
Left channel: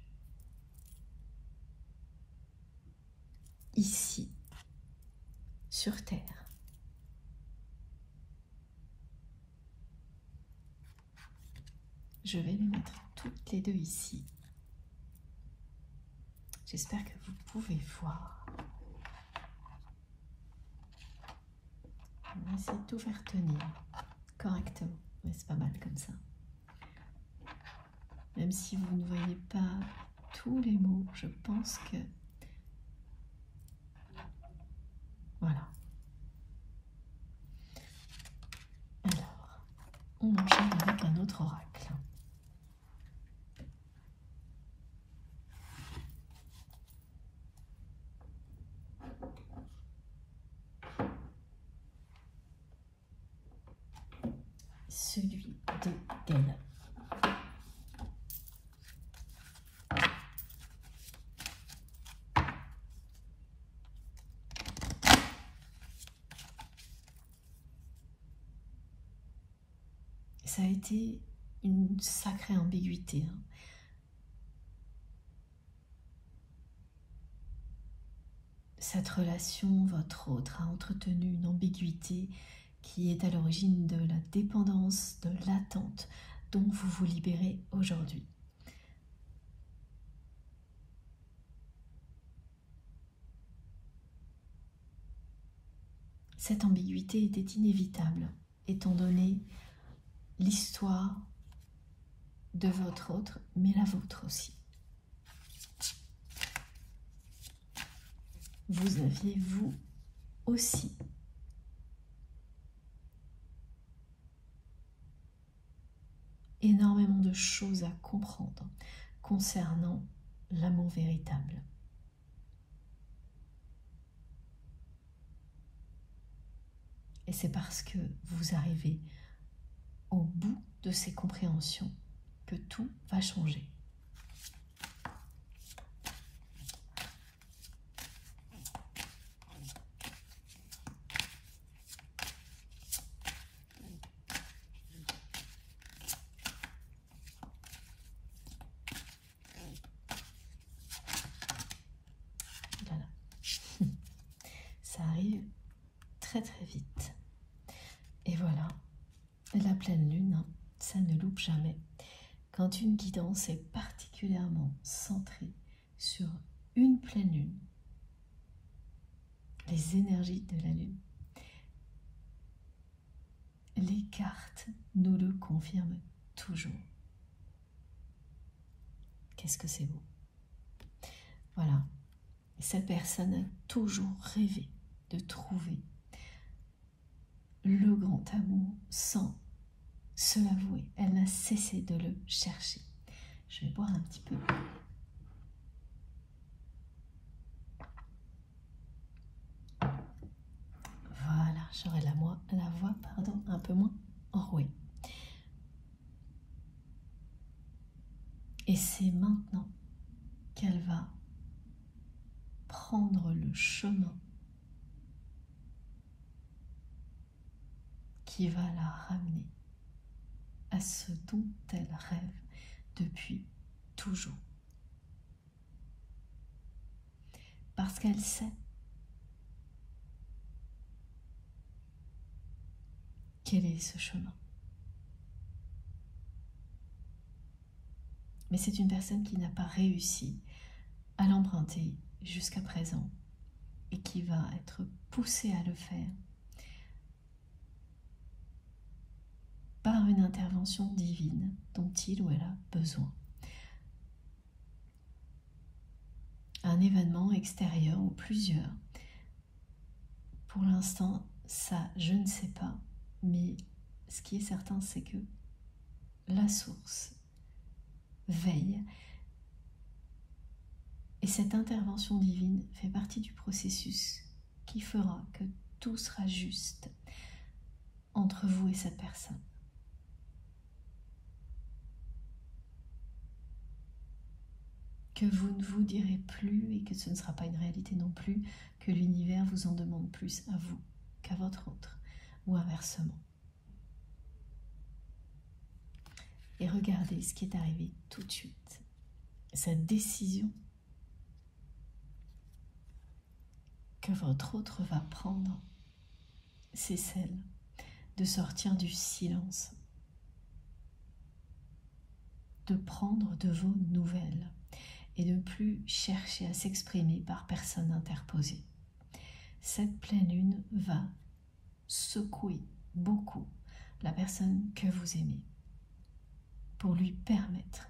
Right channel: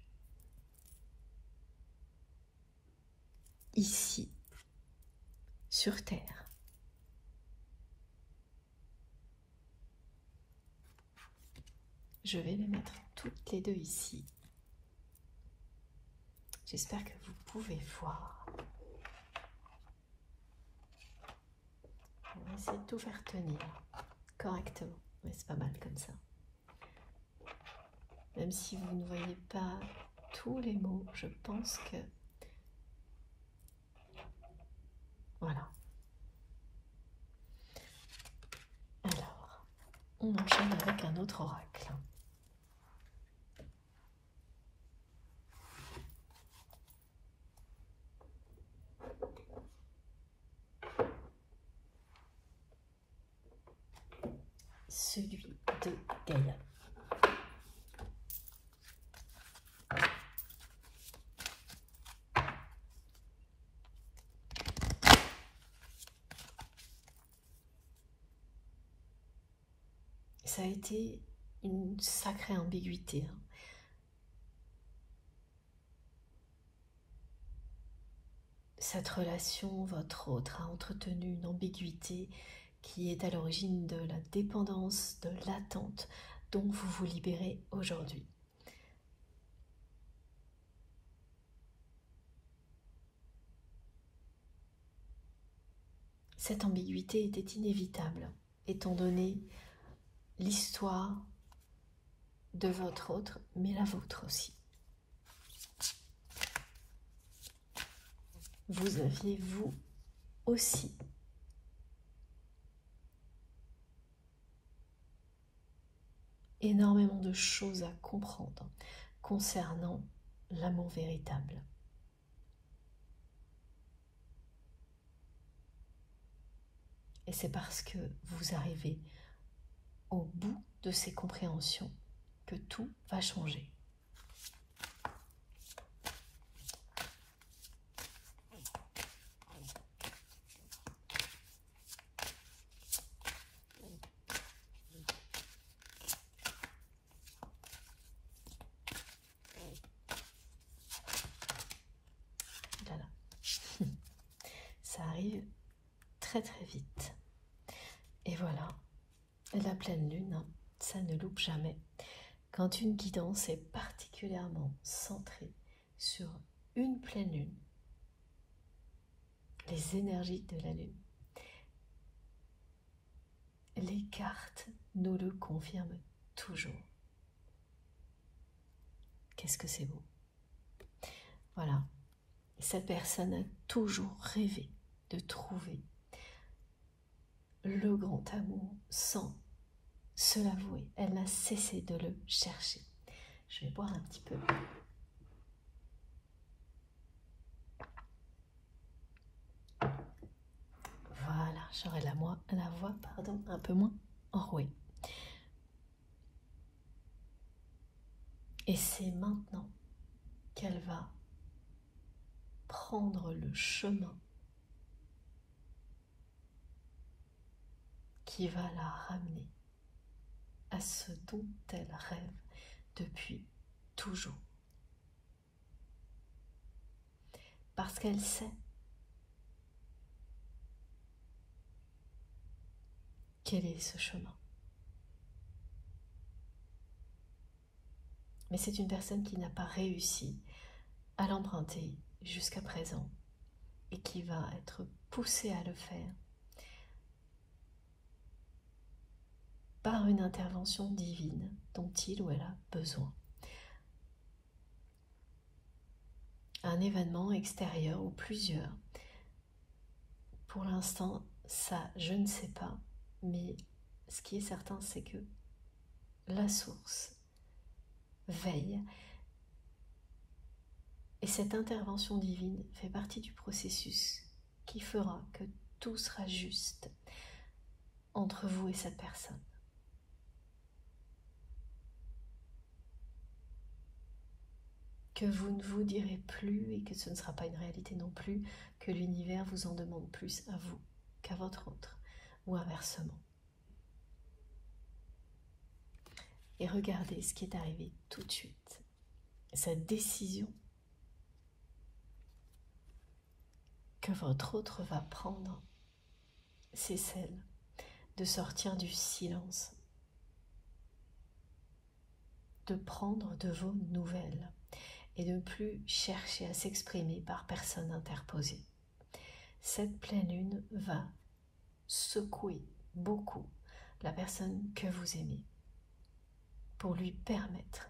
Ici, sur Terre. Je vais les mettre toutes les deux ici. J'espère que vous pouvez voir. On va essayer de tout faire tenir correctement. Mais c'est pas mal comme ça. Même si vous ne voyez pas tous les mots, je pense que... Voilà. Alors, on enchaîne avec un autre oracle. Celui de Gaïa. Ça a été une sacrée ambiguïté. Cette relation, votre autre, a entretenu une ambiguïté qui est à l'origine de la dépendance, de l'attente dont vous vous libérez aujourd'hui. Cette ambiguïté était inévitable, étant donné l'histoire de votre autre, mais la vôtre aussi. Vous aviez, vous aussi, énormément de choses à comprendre concernant l'amour véritable. Et c'est parce que vous arrivez au bout de ces compréhensions que tout va changer. Voilà. Ça arrive très très vite. Et voilà, la pleine lune, ça ne loupe jamais. Quand une guidance est particulièrement centrée sur une pleine lune, les énergies de la lune, les cartes nous le confirment toujours. Qu'est-ce que c'est beau. Voilà. Et cette personne a toujours rêvé de trouver le grand amour sans se l'avouer. Elle n'a cessé de le chercher. Je vais boire un petit peu. Voilà, j'aurai la voix un peu moins enrouée. Et c'est maintenant qu'elle va prendre le chemin qui va la ramener à ce dont elle rêve depuis toujours. Parce qu'elle sait quel est ce chemin. Mais c'est une personne qui n'a pas réussi à l'emprunter jusqu'à présent et qui va être poussée à le faire par une intervention divine dont il ou elle a besoin. Un événement extérieur ou plusieurs. Pour l'instant, ça, je ne sais pas, mais ce qui est certain, c'est que la source veille et cette intervention divine fait partie du processus qui fera que tout sera juste entre vous et cette personne. Que vous ne vous direz plus et que ce ne sera pas une réalité non plus, que l'univers vous en demande plus à vous qu'à votre autre, ou inversement. Et regardez ce qui est arrivé tout de suite. Cette décision que votre autre va prendre, c'est celle de sortir du silence, de prendre de vos nouvelles et de ne plus chercher à s'exprimer par personne interposée. Cette pleine lune va secouer beaucoup la personne que vous aimez pour lui permettre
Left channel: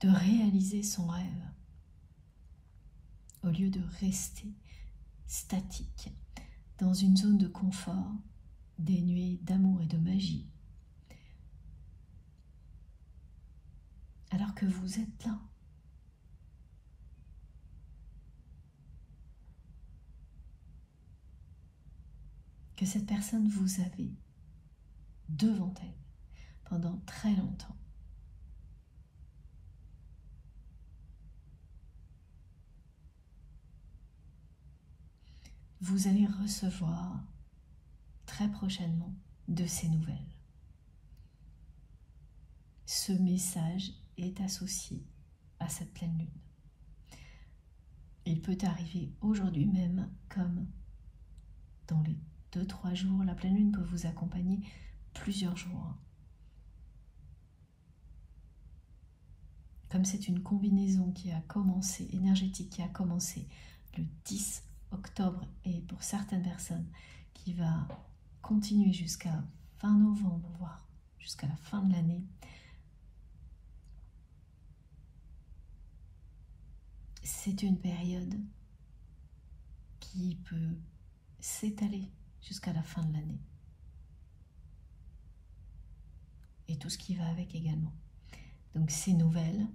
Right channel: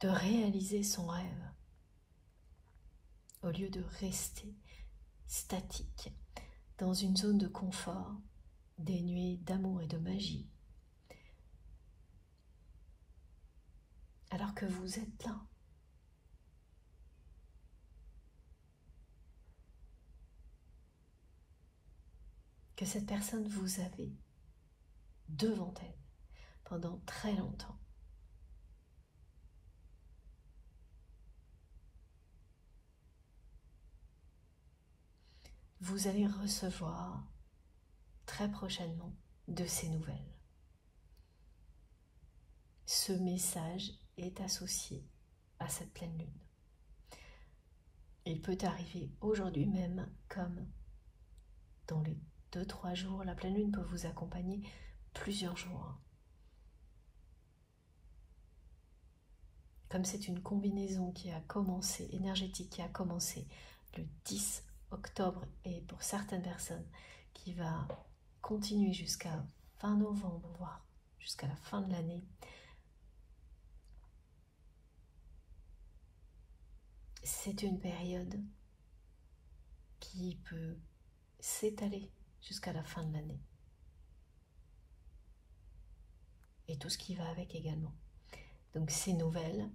de réaliser son rêve au lieu de rester statique dans une zone de confort dénuée d'amour et de magie. Alors que vous êtes là. Que cette personne vous avait devant elle pendant très longtemps. Vous allez recevoir très prochainement de ces nouvelles. Ce message est associé à cette pleine lune. Il peut arriver aujourd'hui même, comme dans les 2-3 jours. La pleine lune peut vous accompagner plusieurs jours. Comme c'est une combinaison qui a commencé, énergétique, qui a commencé le 10 octobre et pour certaines personnes qui va continuer jusqu'à fin novembre, voire jusqu'à la fin de l'année, c'est une période qui peut s'étaler jusqu'à la fin de l'année. Et tout ce qui va avec également. Donc ces nouvelles,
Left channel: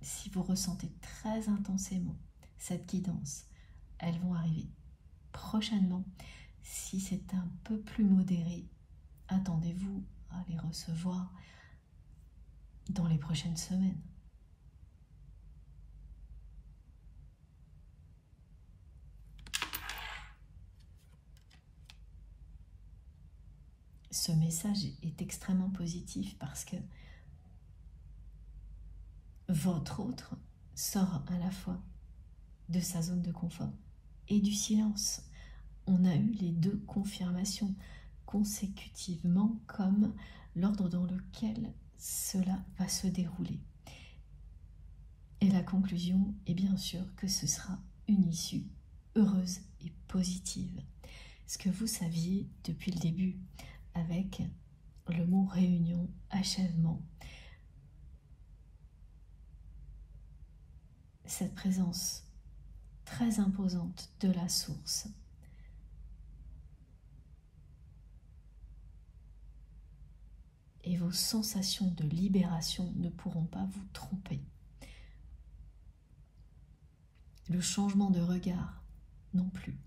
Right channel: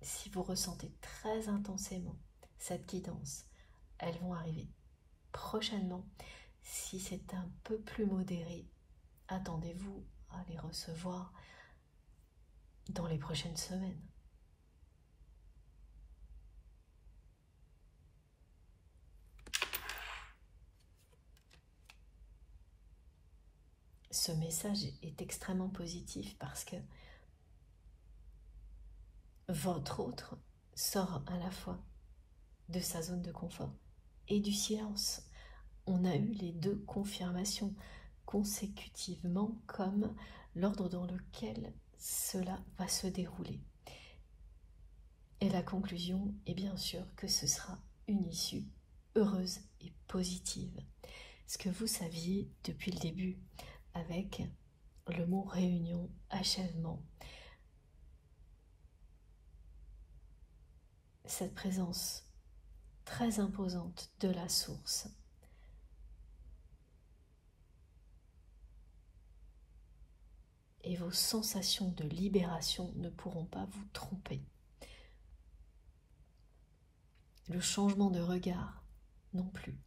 si vous ressentez très intensément cette guidance, elles vont arriver prochainement. Si c'est un peu plus modéré, attendez-vous à les recevoir dans les prochaines semaines. Ce message est extrêmement positif parce que votre autre sort à la fois de sa zone de confort et du silence. On a eu les deux confirmations consécutivement comme l'ordre dans lequel cela va se dérouler. Et la conclusion est bien sûr que ce sera une issue heureuse et positive. Ce que vous saviez depuis le début avec le mot réunion, achèvement, cette présence très imposante de la source et vos sensations de libération ne pourront pas vous tromper. Le changement de regard non plus.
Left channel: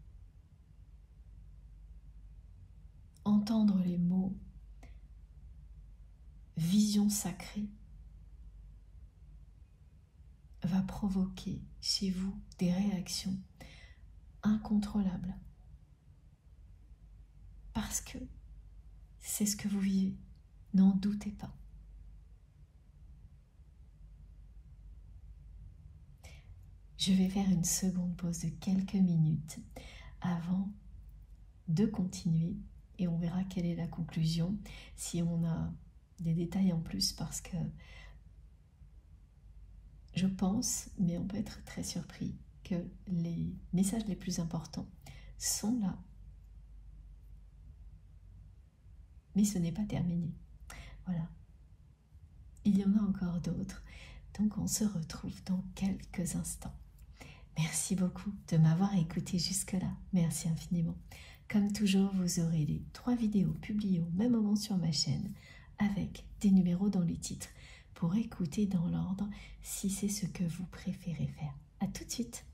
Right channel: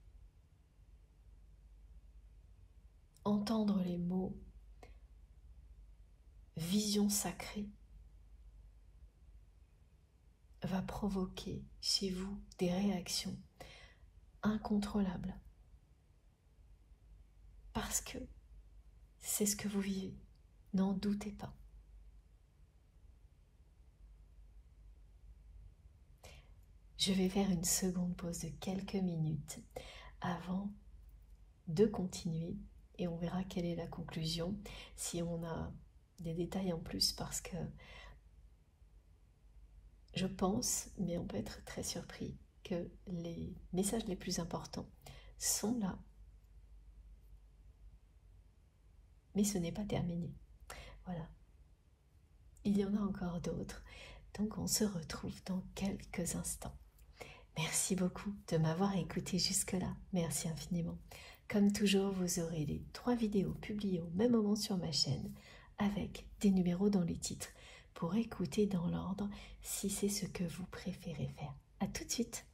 Entendre les mots vision sacrée va provoquer chez vous des réactions incontrôlables parce que c'est ce que vous vivez, n'en doutez pas. Je vais faire une seconde pause de quelques minutes avant de continuer et on verra quelle est la conclusion, si on a des détails en plus, parce que je pense, mais on peut être très surpris, que les messages les plus importants sont là. Mais ce n'est pas terminé. Voilà. Il y en a encore d'autres. Donc on se retrouve dans quelques instants. Merci beaucoup de m'avoir écouté jusque-là. Merci infiniment. Comme toujours, vous aurez les 3 vidéos publiées au même moment sur ma chaîne avec des numéros dans les titres pour écouter dans l'ordre si c'est ce que vous préférez faire. À tout de suite.